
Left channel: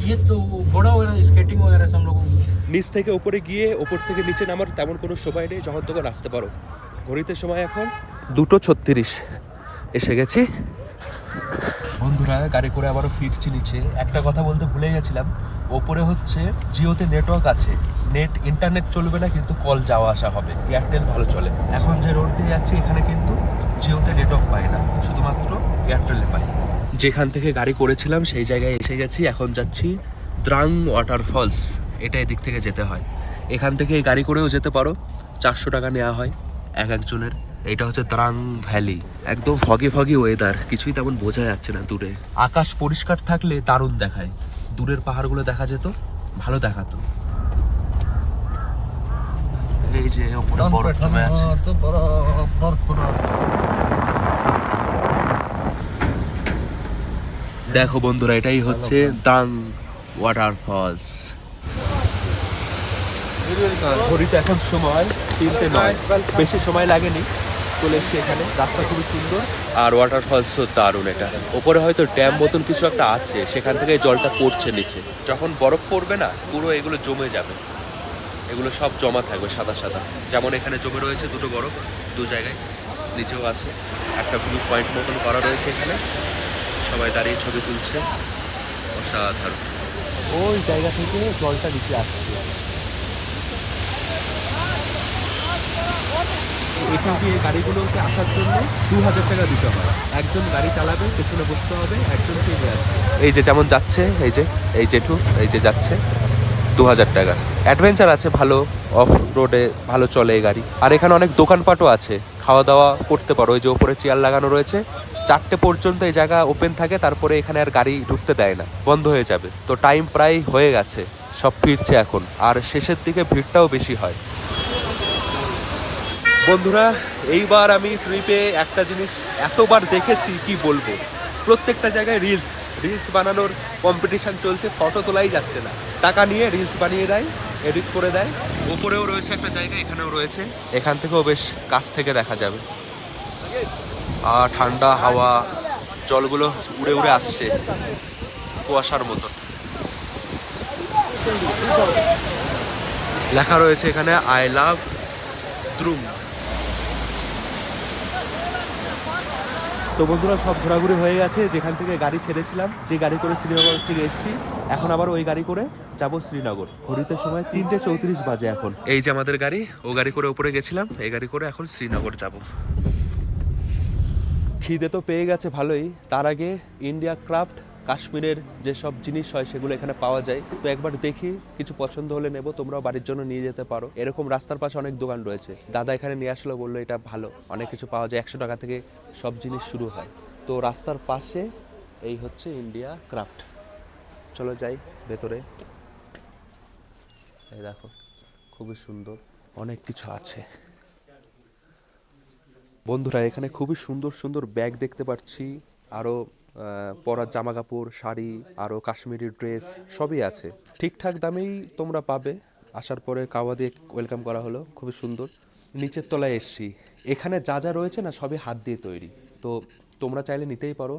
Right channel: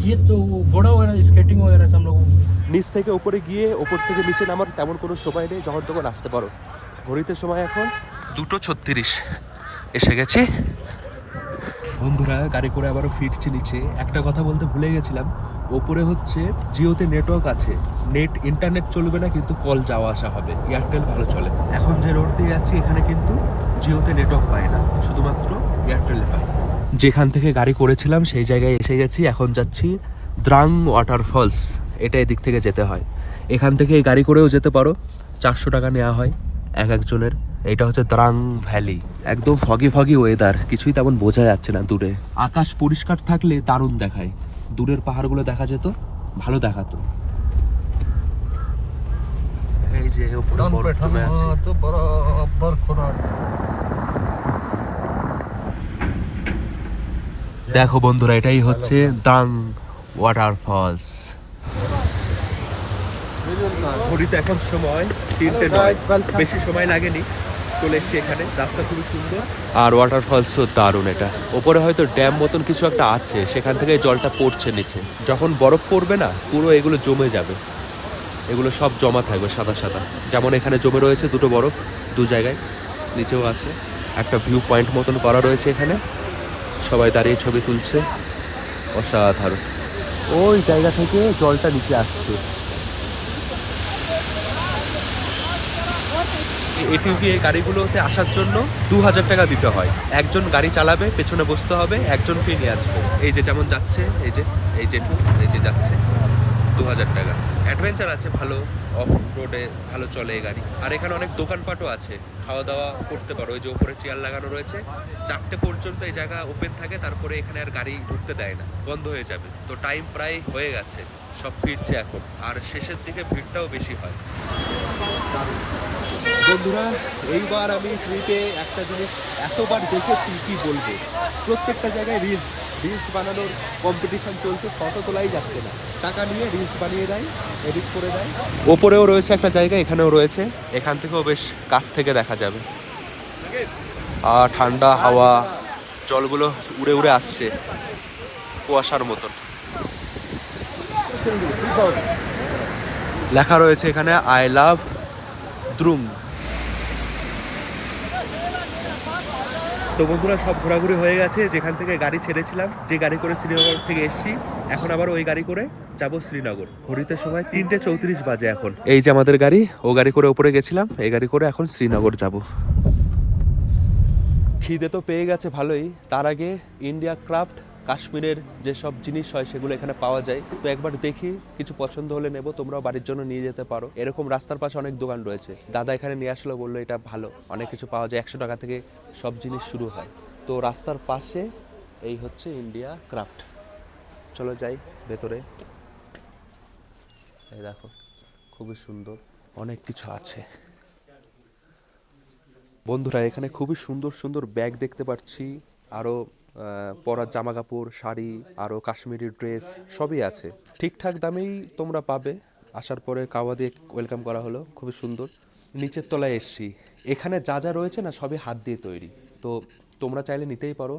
ये तो घोड़ा वगैरह स्केटिंग वगैरह से हम लोग নিচ থেকে ওপরে গিয়ে ওপর থেকে নিচে নামার তেমন কোনো সময় নেই, যখন তখন আসতে পারো। ঘড়িতে সময় এখন 2:36, এসে গেছি। বন্ধুরা, গাড়ি করে আবারও ফিরছি নিচে। একটা কথা বলতে ভুলে গেছিলাম, ওপরে হচ্ছে জিওতে নেটওয়ার্ক আছে, ইন্টারনেট চলবে না কিন্তু কল যাওয়া আসা হবে, এয়ারটেল ভালো চলে। এখন যে রোড দিয়ে যাচ্ছি এখানে কিন্তু জিওতে নেটওয়ার্ক পায় না, শুধুমাত্র এয়ারটেলে পায়। যেখান থেকে গাড়ি করেছিলাম সেই জায়গায় এসে গেছি, এখন যাচ্ছি দ্রাং ওয়াটারফলস, এটা এদিক থেকে যেতে হয়। এখান থেকে এই গাড়ি করেও যেতে পারো, 400 টাকা নেওয়া হয় একজনের। এটা হচ্ছে দ্রাং ভ্যালি, একদম ফগি ফগি ওয়েদার, কিছুই তেমন বোঝা যাচ্ছে না দূরে। আকাশ পরিষ্কার থাকলে দারুণ দেখায়, দূরের পাহাড়গুলো দেখা যেত, ভালো দেখাতো। এই যে ওপরে বরফ জমে আছে। দেখো বন্ধুরা, এটাই হচ্ছে দ্রাং ওয়াটারফলস। ঘড়িতে এখন সময় 3:09, বেশি সময় লাগেনি, চলে এসছি এখানে। রাস্তা খুবই সুন্দর আর ওয়াটারফলসও দারুণ। এটা ওপরে হয়তো ড্যাম মতন কিছু একটা আছে, সেখান থেকে জলটা পড়ছে নিচে। যখন বরফ পড়বে না পুরো এগুলো জমে যাবে, এগুলো সব জমা থাকবে সাথে সাথে। যেমন এখানে জমে রয়েছে দুটো বরফ, দু জায়গায়, নিচেও আছে। একটা ভিউ পয়েন্ট মতন করা রয়েছে এখানে, সবাই দাঁড়িয়ে ছবি তুলছে, অসাধারণ। ওই জায়গা থেকে জলটা নিচে আসছে। এটিভি এই গাড়িগুলোতে আসার জন্য 2000 টাকা দিতে হয়। একজন গাড়ি চালাবে, পেছনে বসতে হবে, একজনকে নিয়ে আসবে। এই যে যেমন যাচ্ছে, এই জেঠু এই যে যাচ্ছে, 2000 টাকা। অ্যাডভেঞ্চার আছে ভালো, অফ রোডে ভালো চলে এই গাড়ি। আর এখানে অনেক দোকানপাটও আছে, খাওয়া দাওয়া করতে পারো। ওই যে ওপরে চেয়ার লাগানো রয়েছে, 4টে পর্যন্ত এই জায়গা ওপেন থাকে, তারপরে এখানে আর গাড়ি ঢুকতে দেয় না, বন্ধ হয়ে যাবে। তো টাইম প্রায় হয়ে গেছে, সব ফিরছে এখন, আর শেষের দিকে ভিড়টাও বেশি হয়। বন্ধুরা, এইবার আমি ট্রিপে একটা জিনিস এতবার দেখেছি কি বলবো, প্রত্যেকটা জায়গায় রিলস বানানোর কম্পিটিশন চলছে, ফটো তোলাই যাচ্ছে না, টাকা নিয়ে রিলস বানিয়ে দেয়, এডিট করে দেয়। ওপরেও রয়েছে একটা জায়গা, এখানেও রয়েছে, এখান থেকেও বেশ কাছ থেকে দেখা যাবে। আর ঠান্ডা হাওয়া, জলগুলো উড়ে উড়ে আসছে কুয়াশার মতন। লেখা রয়েছে এখানে আই লাভ দ্রুং। তো বন্ধুরা, সব ঘোরাঘুরি হয়ে গেছে। যেখান থেকে গাড়ি ছেড়েছিলাম, যে গাড়ি করে শ্রীনগর থেকে এসেছি, এখন আবার ওই গাড়ি করে যাব শ্রীনগর। ঘড়িতে সময় 3:34 বাজে এখন। এই যে আমাদের গাড়ি, ও গাড়ি করে ওপরে গেছিলাম, এই গাড়ি করে এখন শ্রীনগর যাব। খিদে তো পেয়ে গেছে ভালোই, তার আগে ইন্ডিয়া ক্রাফট কাশ্মীরের যেসব জিনিস হয় সেগুলো এখানে পাওয়া যায়, তো একবার দেখি, কিছু পছন্দ হলে নেব, তোমরাও বাড়ির জন্য নিয়ে যেতে পারো। এরকম রাস্তার পাশে অনেক দোকান রয়েছে, দাদা এখানে নিয়ে আসলো, বললো এটা ভালো, অনেক কিছু পাওয়া যায়, 100 টাকা থেকে সব জিনিস শুরু হয়। তো রাস্তার পাশে এই হচ্ছে ইন্ডিয়া ক্রাফট। চলো যাই ভেতরে। এই দেখো, খুবই সুন্দর, অনেক কিছু আছে। বন্ধুরা, এখানে খুবই সুন্দর সুন্দর ব্যাগ দেখতে পাচ্ছি, আরও পরার জামা কাপড়, শাড়ি, আরও কাশ্মীরি ড্রেস সবই আছে। ঠিকঠাক দামেই তোমরা পাবে। আসার পরে কাওয়া দিয়ে ওয়েলকাম করা হলো, খুবই সুন্দর। নিচের তলায় এসছি, এখানে যা যা রয়েছে না সবই হাত দিয়ে তৈরি, তো তোমরা চাইলে নিতেই পারো।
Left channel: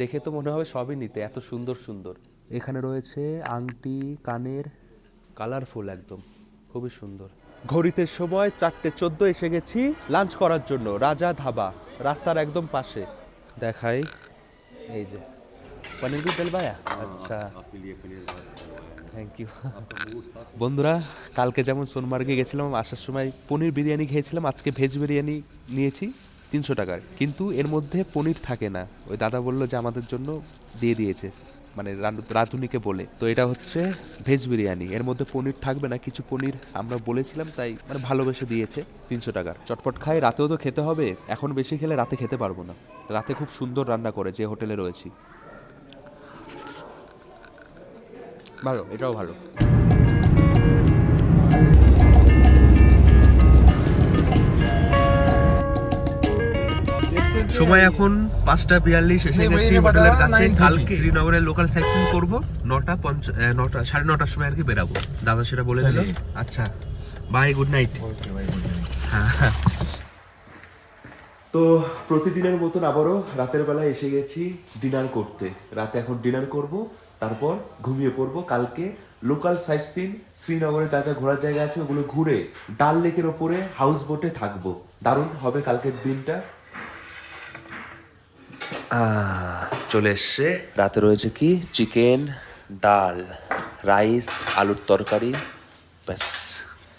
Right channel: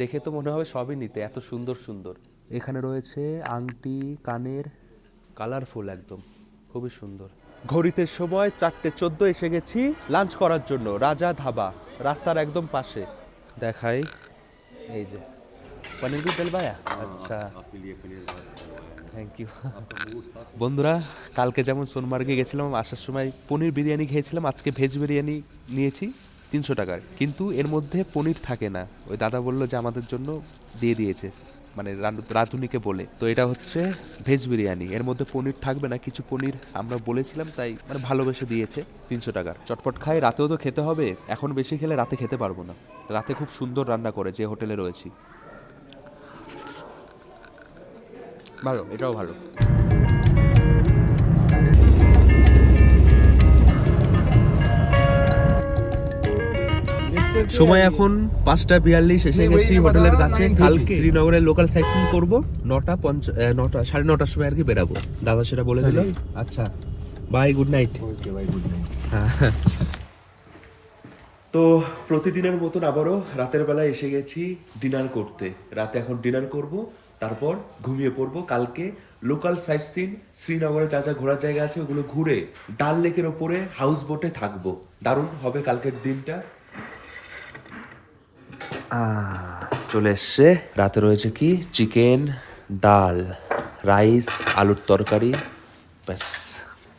দেখে তো মনে হবে সবই নিতে, এত সুন্দর সুন্দর। এখানে রয়েছে আংটি, কানের, কালারফুল একদম, খুবই সুন্দর। ঘড়িতে সময় 4:14 এসে গেছি লাঞ্চ করার জন্য, রাজা ধাবা, রাস্তার একদম পাশে। দেখাই, এই যে পনির भी डलवाया, আচ্ছা, থ্যাংক ইউ। বন্ধুরা, কালকে যেমন সোনমার্গে গেছিলাম, আসার সময় পনির বিরিয়ানি খেয়েছিলাম, আজকে ভেজ বিরিয়ানি নিয়েছি 300 টাকার, কিন্তু এর মধ্যে পনির থাকে না। ওই দাদা বললো যে আমাদের জন্য দিয়ে দিয়েছে, মানে রাঁধুনিকে বলে। তো এটা হচ্ছে ভেজ বিরিয়ানি, এর মধ্যে পনির থাকবে না, কিছু পনির আমরা বলেছিলাম, তাই মানে ভালোবেসে দিয়েছে 300 টাকার। চটপট খাই, রাতেও তো খেতে হবে, এখন বেশি খেলে রাতে খেতে পারবো না। রাতে খুব সুন্দর রান্না করে যে হোটেলে রয়েছি, ভালো, এটাও ভালো। সময় এখন 5:42 এসে গেছি হোটেলের কাছে। কালকে শ্রীনগরের লোকাল সাইট সিইং করবো, 9:30 সময় আর কি বেরাবো, দাদা সেটা বলে দিল। আচ্ছা, বাই, গুড নাইট। হ্যাঁ, তো প্রতিদিনের মতন আবারও রাতের বেলায় এসে গেছি ডিনার করতে। রাতে এখন ডিনার করব, তারপর ঘুমিয়ে পড়বো। কালকে লোকাল সাইট সিন, শ্রীনগরে যা যা ঘোরার জায়গা আছে ওগুলো ঘুরে ডাল লেকের ওপরে হাউস বোটে থাকবো। দারুণ হবে কালকের দিনটা। চলে এসছে, রাতে রয়েছে কি চিকেন, ডাল, রাইস, আলুর তরকারি, ব্যাস।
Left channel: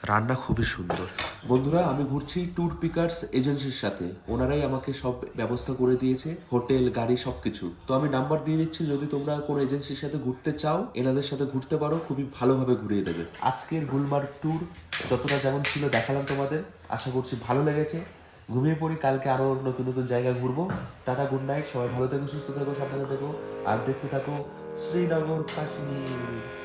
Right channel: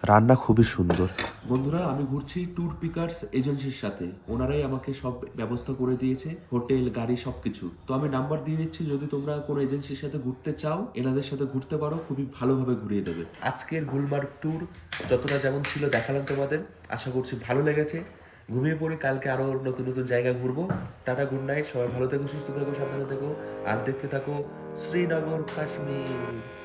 রান্না খুবই সুন্দর। বন্ধুরা, আমি ঘুরছি ট্যুর পিকার্স এজেন্সির সাথে। ওনারাই আমাকে সব ব্যবস্থা করে দিয়েছে, হোটেল, গাড়ি, সবকিছু। তো আমি নাম্বার দিয়ে দিচ্ছি, যদি তোমরা কোনো এজেন্সির সাথে ঘুরতে চাও এনাদের সাথে ঘুরতে পারো, খুবই ভালোভাবে ঘুরিয়ে দেবে। আজকের গুলমার্গ ট্যুর যতটা যেমন ছিল দেখালাম তোমাদের, আশা করছি ভালো লেগেছে। ঘুমিয়ে পড়ি, কালকে আরও নতুন নতুন জায়গায় ঘুরবো। টাটা, গুড নাইট, সবাই ভালো থেকো, সুস্থ থেকো, সাবধানে থেকো, আর দেখতে থাকো শ্রীনগর কাশ্মীর।